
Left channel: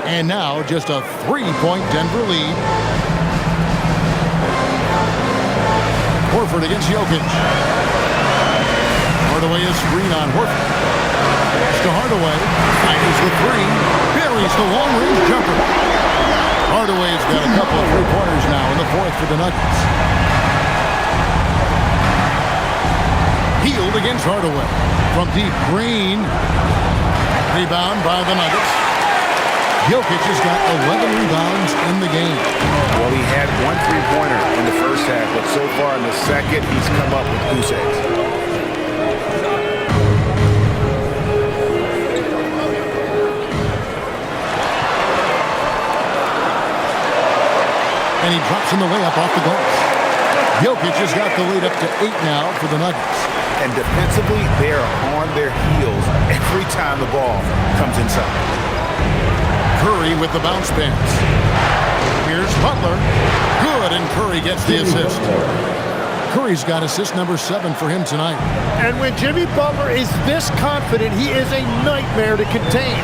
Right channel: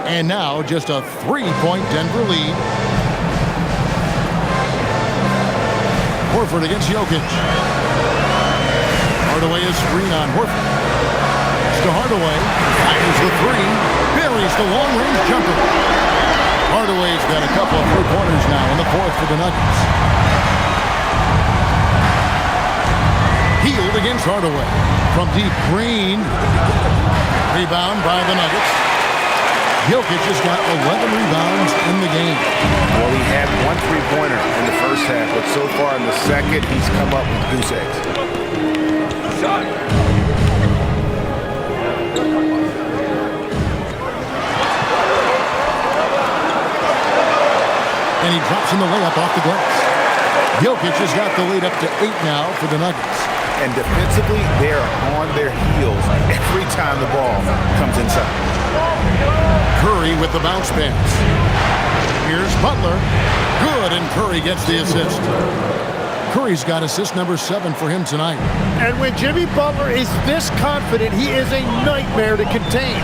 And now just a 3-point Denver lead. Horford against Jokic. Hardaway is screen on Horford. To Hardaway, fires the three, buries the long-range jumper. Hardaway's got a couple of three-pointers now in the fourth for the Nuggets. Hield against Hardaway. From deep, Green. Rebound by the Nuggets. Jokic has got 11 rebounds in the game. Well, he had 1 3-pointer in the first half, but so far in the second, he's come up with goose eggs. And he drops in the layup off the glass. Jokic has got the lead up to 8 now for the Nuggets. And defensively, they are on their heels every time the ball comes inside. Curry with the bounce pass. Here's Butler. Good, and Curry gets the assist. Curry's got assist number 7 for him tonight. And when Jimmy Butler is this confident, he is a nightmare to contain.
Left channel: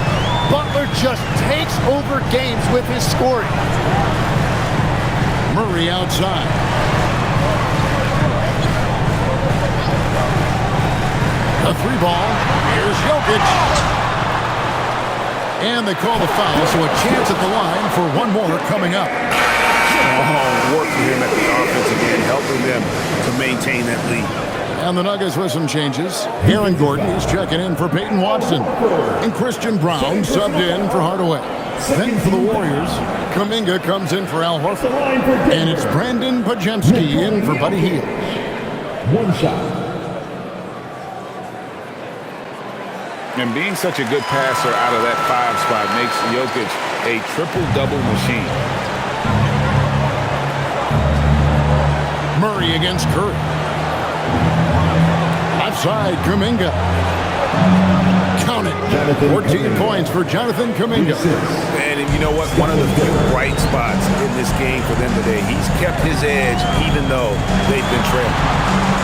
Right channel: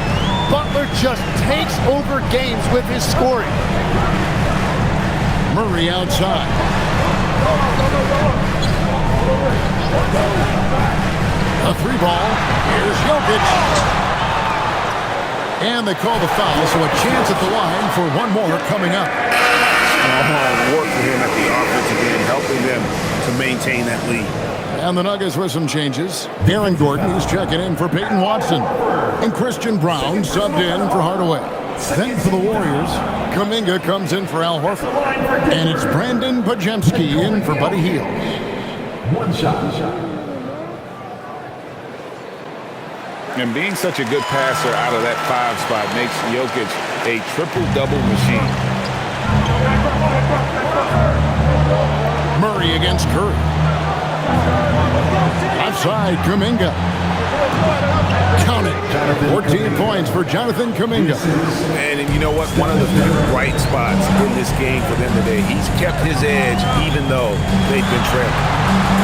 Butler just takes over games with his scoring. Murray outside. A 3-ball. Here's Jokic. And they call the foul, so a chance at the line for one more coming up. Strong work for him at the offensive end, helping them to maintain that lead. And the Nuggets with some changes. Aaron Gordon is checking in for Peyton Watson. And Christian Brown subbed in for Hardaway. Then for the Warriors, Kuminga comes in for Al Horford. And it's Brandon Pajemski in for Buddy Hield. One shot. And being such a good passer out of that 5 spot makes Jokic a triple-double machine. Murray against Curry. Left side, Kuminga. Count it. 14 points for Jonathan Kuminga. And you know what? One of the few bright spots in this game for them today. He's kept his edge even though they've been trailing.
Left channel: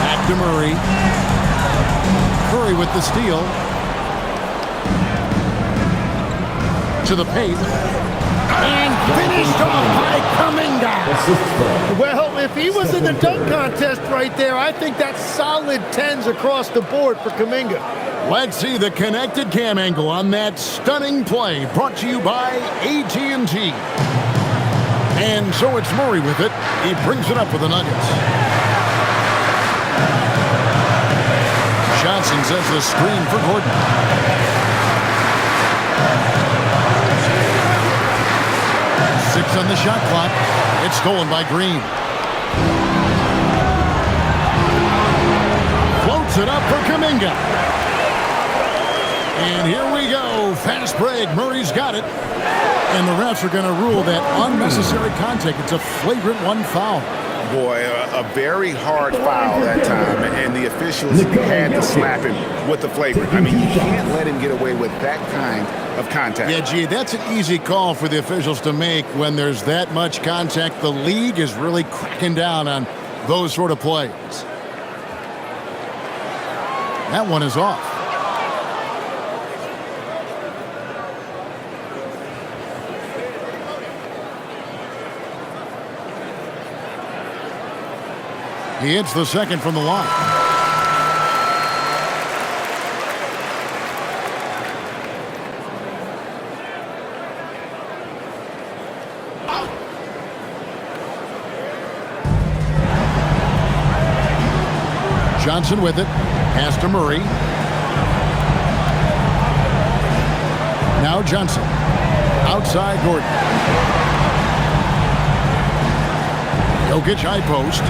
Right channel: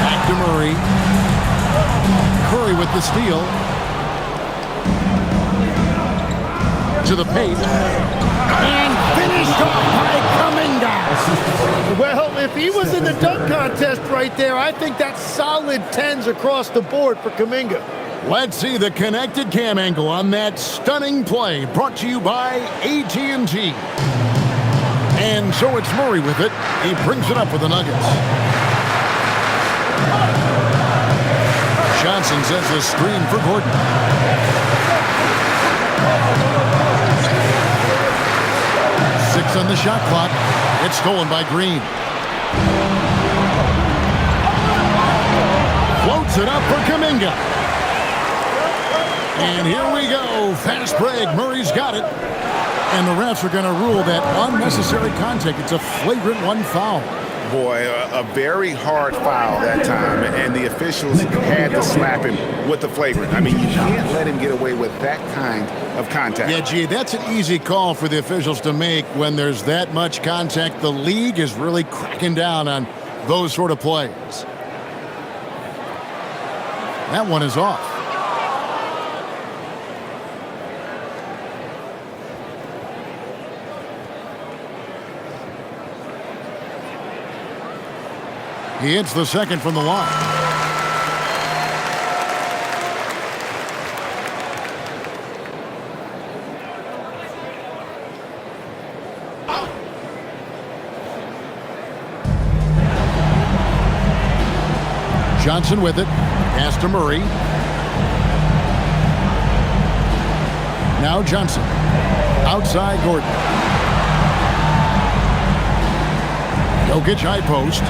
Back to Murray. Curry with the steal. To the paint. And finished off by Kuminga. Well, if he was in the dunk contest right there, I think that's solid 10s across the board for Kuminga. Let's see the connected cam angle on that stunning play, brought to you by AT&T. And so it's Murray with it. He brings it up for the Nuggets. Johnson sets the screen for Gordon. Six on the shot clock. It's stolen by Green. Floats it up for Kuminga. And here we go. Fast break. Murray's got it. And the refs are going to rule that unnecessary contact. It's a flagrant 1 foul. Boy, a very hard foul that time, and the officials had to slap him with the flagrant. I mean, you can't let him get away with that kind of contact. Yeah, gee, that's an easy call for the officials to make when there's that much contact. The league is really cracking down on those sort of plays. That one is off. He hits the second from the line. Johnson with it. Pass to Murray. Now Johnson. Outside Gordon. Jokic high post.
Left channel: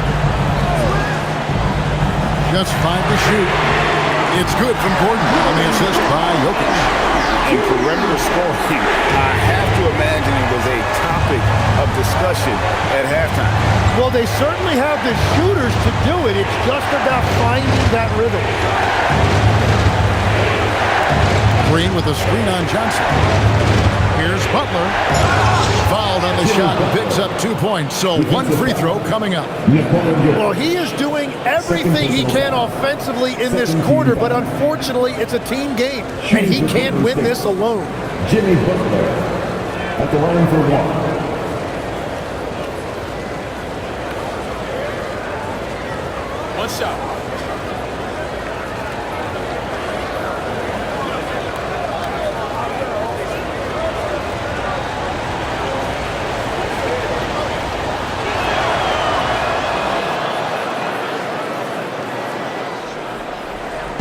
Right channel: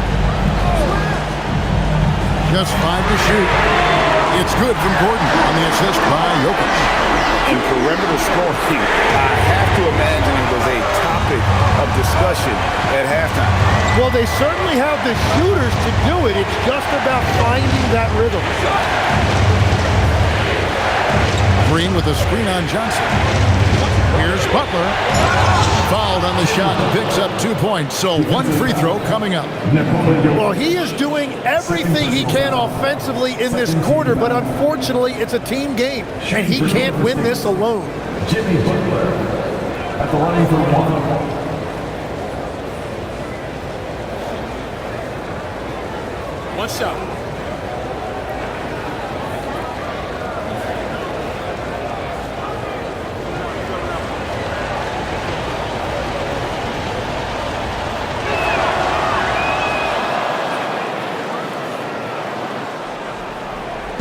Just 5 to shoot. It's good from Gordon on the assist by Jokic. And perimeter scoring, I have to imagine it was a topic of discussion at halftime. Well, they certainly have the shooters to do it. It's just about finding that rhythm. Green with a screen on Johnson. Here's Butler. Fouled on the shot and picks up 2 points. So 1 free throw coming up. Well, he is doing everything he can offensively in this quarter, but unfortunately, it's a team game, and he can't win this alone. Jimmy Butler at the line for 1. One shot.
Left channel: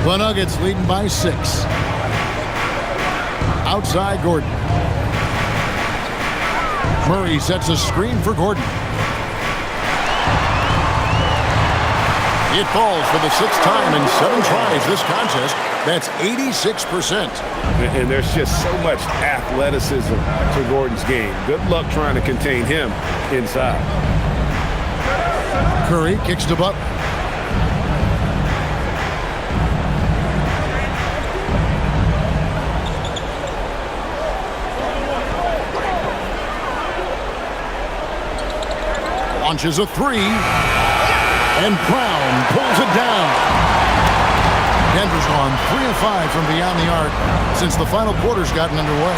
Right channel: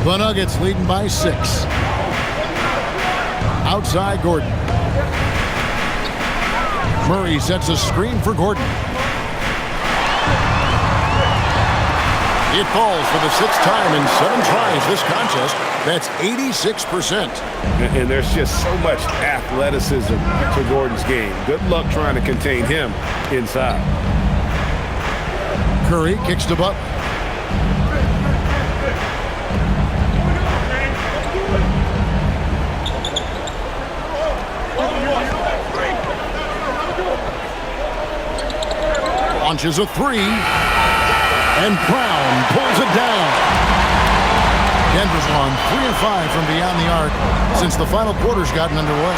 The Nuggets leading by 6. Outside Gordon. Murray sets a screen for Gordon. It falls for the 6th time in 7 tries this contest. That's 86%. And there's just so much athleticism to Gordon's game. Good luck trying to contain him inside. Curry kicks to Butler. Launches a 3, and Brown pulls it down. Denver's gone 3 of 5 from beyond the arc since the final quarter's gotten underway.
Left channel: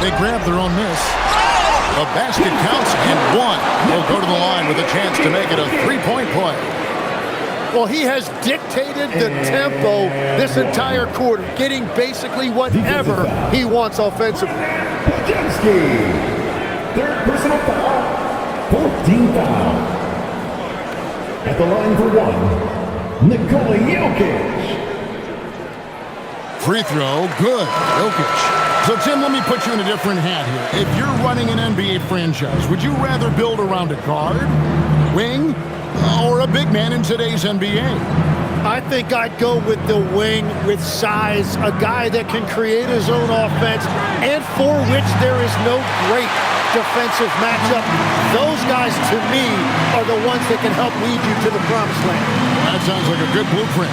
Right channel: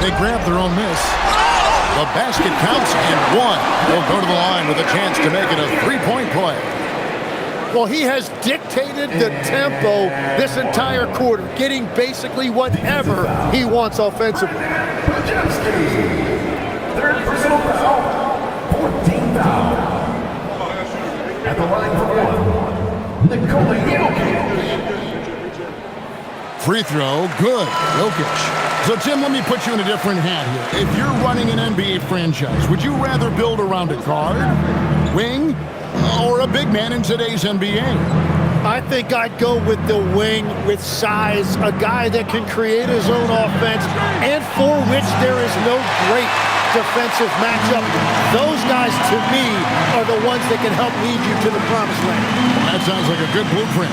They grab their own miss. The basket counts, and 1. They'll go to the line with a chance to make it a 3-point play. Well, he has dictated the tempo this entire quarter, getting basically whatever he wants offensively. Third personal foul. 14th foul. At the line for 1, Nikola Jokic. Free throw, good. Jokic. So, Tim, let me put you in a different hat here. If you're running an NBA franchise, would you rather build around a guard, wing, or a big man in today's NBA? I think I'd go with the wing with size, a guy that can create his own offense and for which there is no great defensive matchup. Those guys, to me, are the ones that can help lead you to the promised land. Well, that sounds like a good blueprint.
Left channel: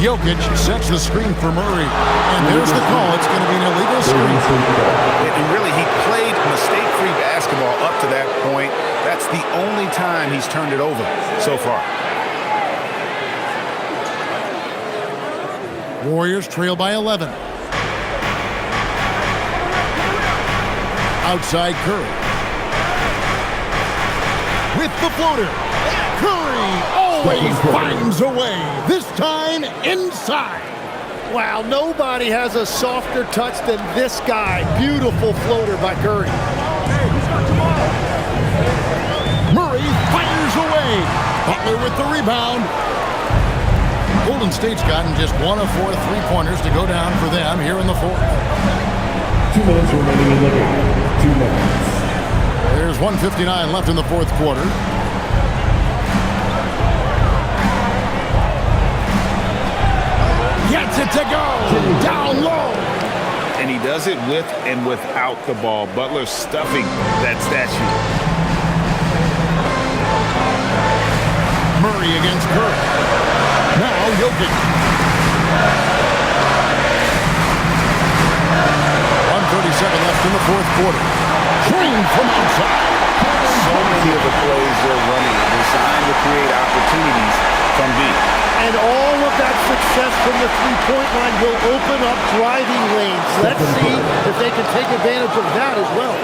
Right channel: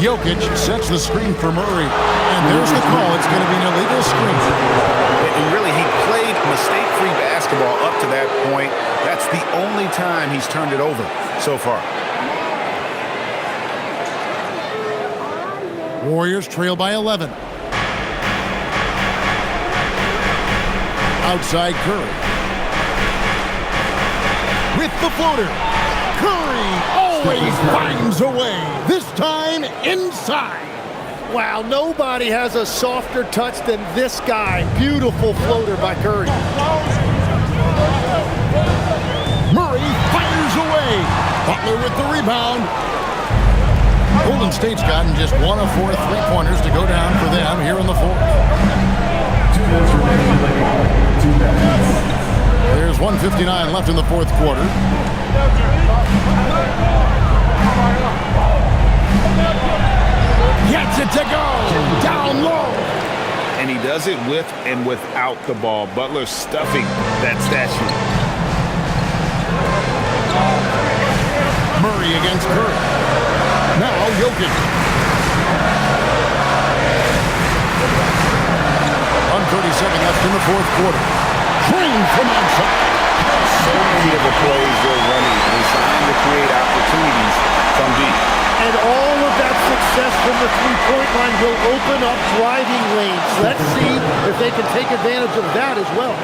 Jokic sets the screen for Murray, and there's the call. It's going to be an illegal screen. And really, he played mistake-free basketball up to that point. That's the only time he's turned it over so far. Warriors trail by 11. Outside Curry. With the floater. Curry always finds a way. This time inside. Wow, nobody has a softer touch than this guy. Beautiful floater by Curry. Murray fires away. Butler with the rebound. Golden State's gotten just 1 of 4 3-pointers to go down for them here in the 4th. 2 minutes remaining in the game. 2 minutes. There's 1:59 left in the 4th quarter. Gets it to go. Down low. And he does it with and without the ball. Butler stuffing that stat sheet. Murray against Curry. Now Jokic. 1:37 left in the 4th quarter. Trained from outside. So many of the plays they're running designed to create opportunities from deep. And all of that success from the three-point line will open up driving lanes. Let's see if they can take advantage of that as well.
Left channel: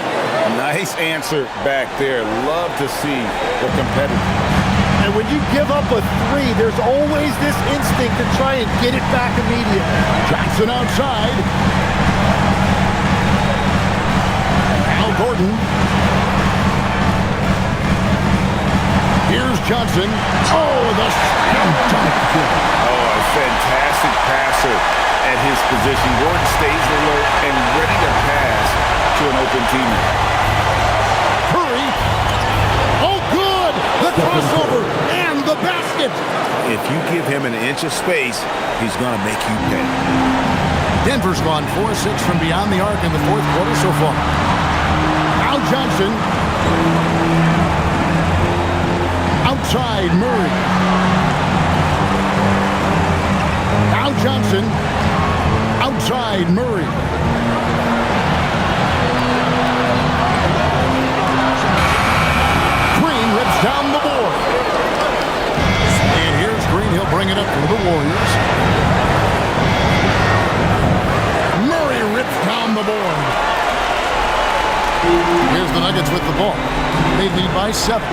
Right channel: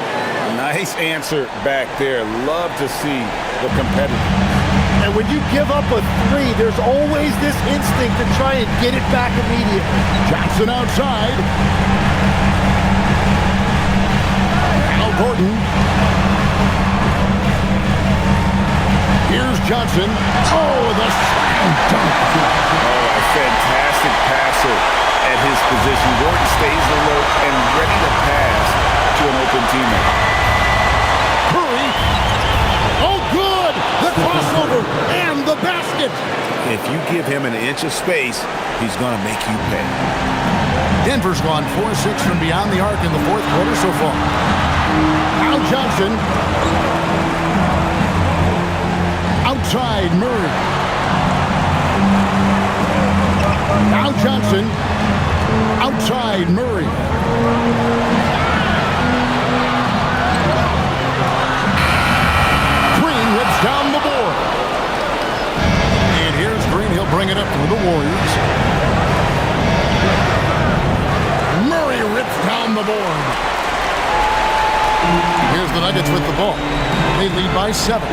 Nice answer back there. Love to see the competitiveness. And when you give up a three, there's always this instinct to try and get it back immediately. Johnson outside. Al Gordon. Here's Johnson. Oh, the slam dunk. Oh, a fantastic passer at his position. Gordon stays alert and ready to pass to an open teammate. Curry. Oh, good. The crossover and the basket. If you give him an inch of space, he's going to make you pay. Denver's gone 4-6 from beyond the arc in the fourth quarter so far. Now Johnson. Outside Murray. Now Johnson. Outside Murray. Green rips down the board. And here's Green. He'll bring it up for the Warriors. Murray rips down the board. Here's the Nuggets with the ball. They lead by 7.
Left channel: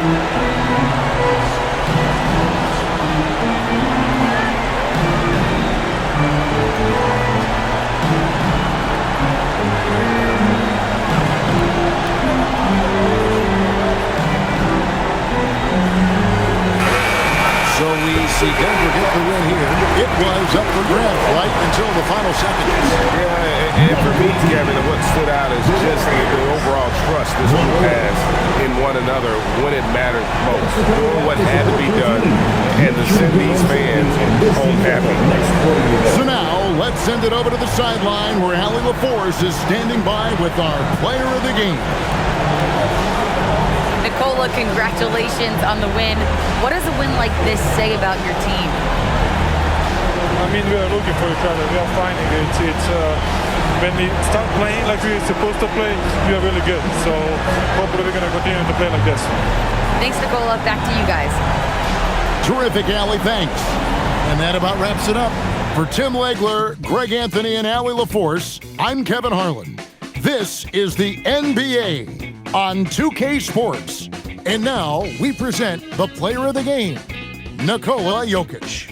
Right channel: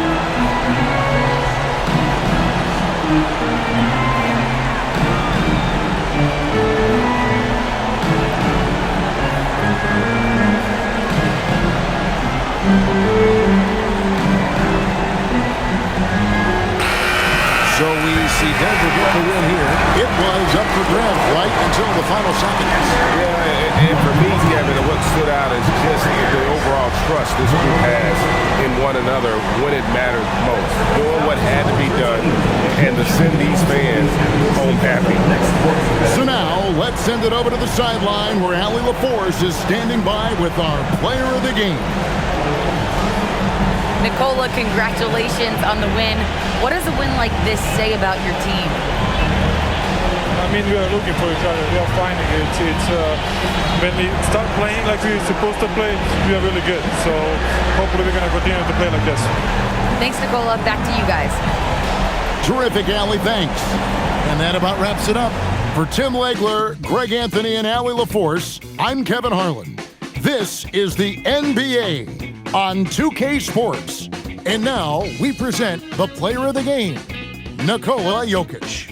So we see Denver get the win here. It was up for grabs right until the final seconds. Yeah, and for me, Kevin, what stood out is just the overall trust this group has in one another when it mattered most. Doing what had to be done and to send these fans home happy. So now, let's send it over to the sideline where Allie LaForce is standing by with our player of the game. Nicola, congratulations on the win. What does a win like this say about your team? I mean, we are looking for each other. We are finding it. When we start playing like we're supposed to play, we are really good. So hopefully we're going to continue to play like this. Thanks, Nicola. Back to you guys. Terrific, Allie. Thanks. And that about wraps it up. For Tim Legler, Greg Anthony, and Allie LaForce, I'm Kevin Harlan. This is the NBA on 2K Sports. And now we present the player of the game, Nikola Jokic.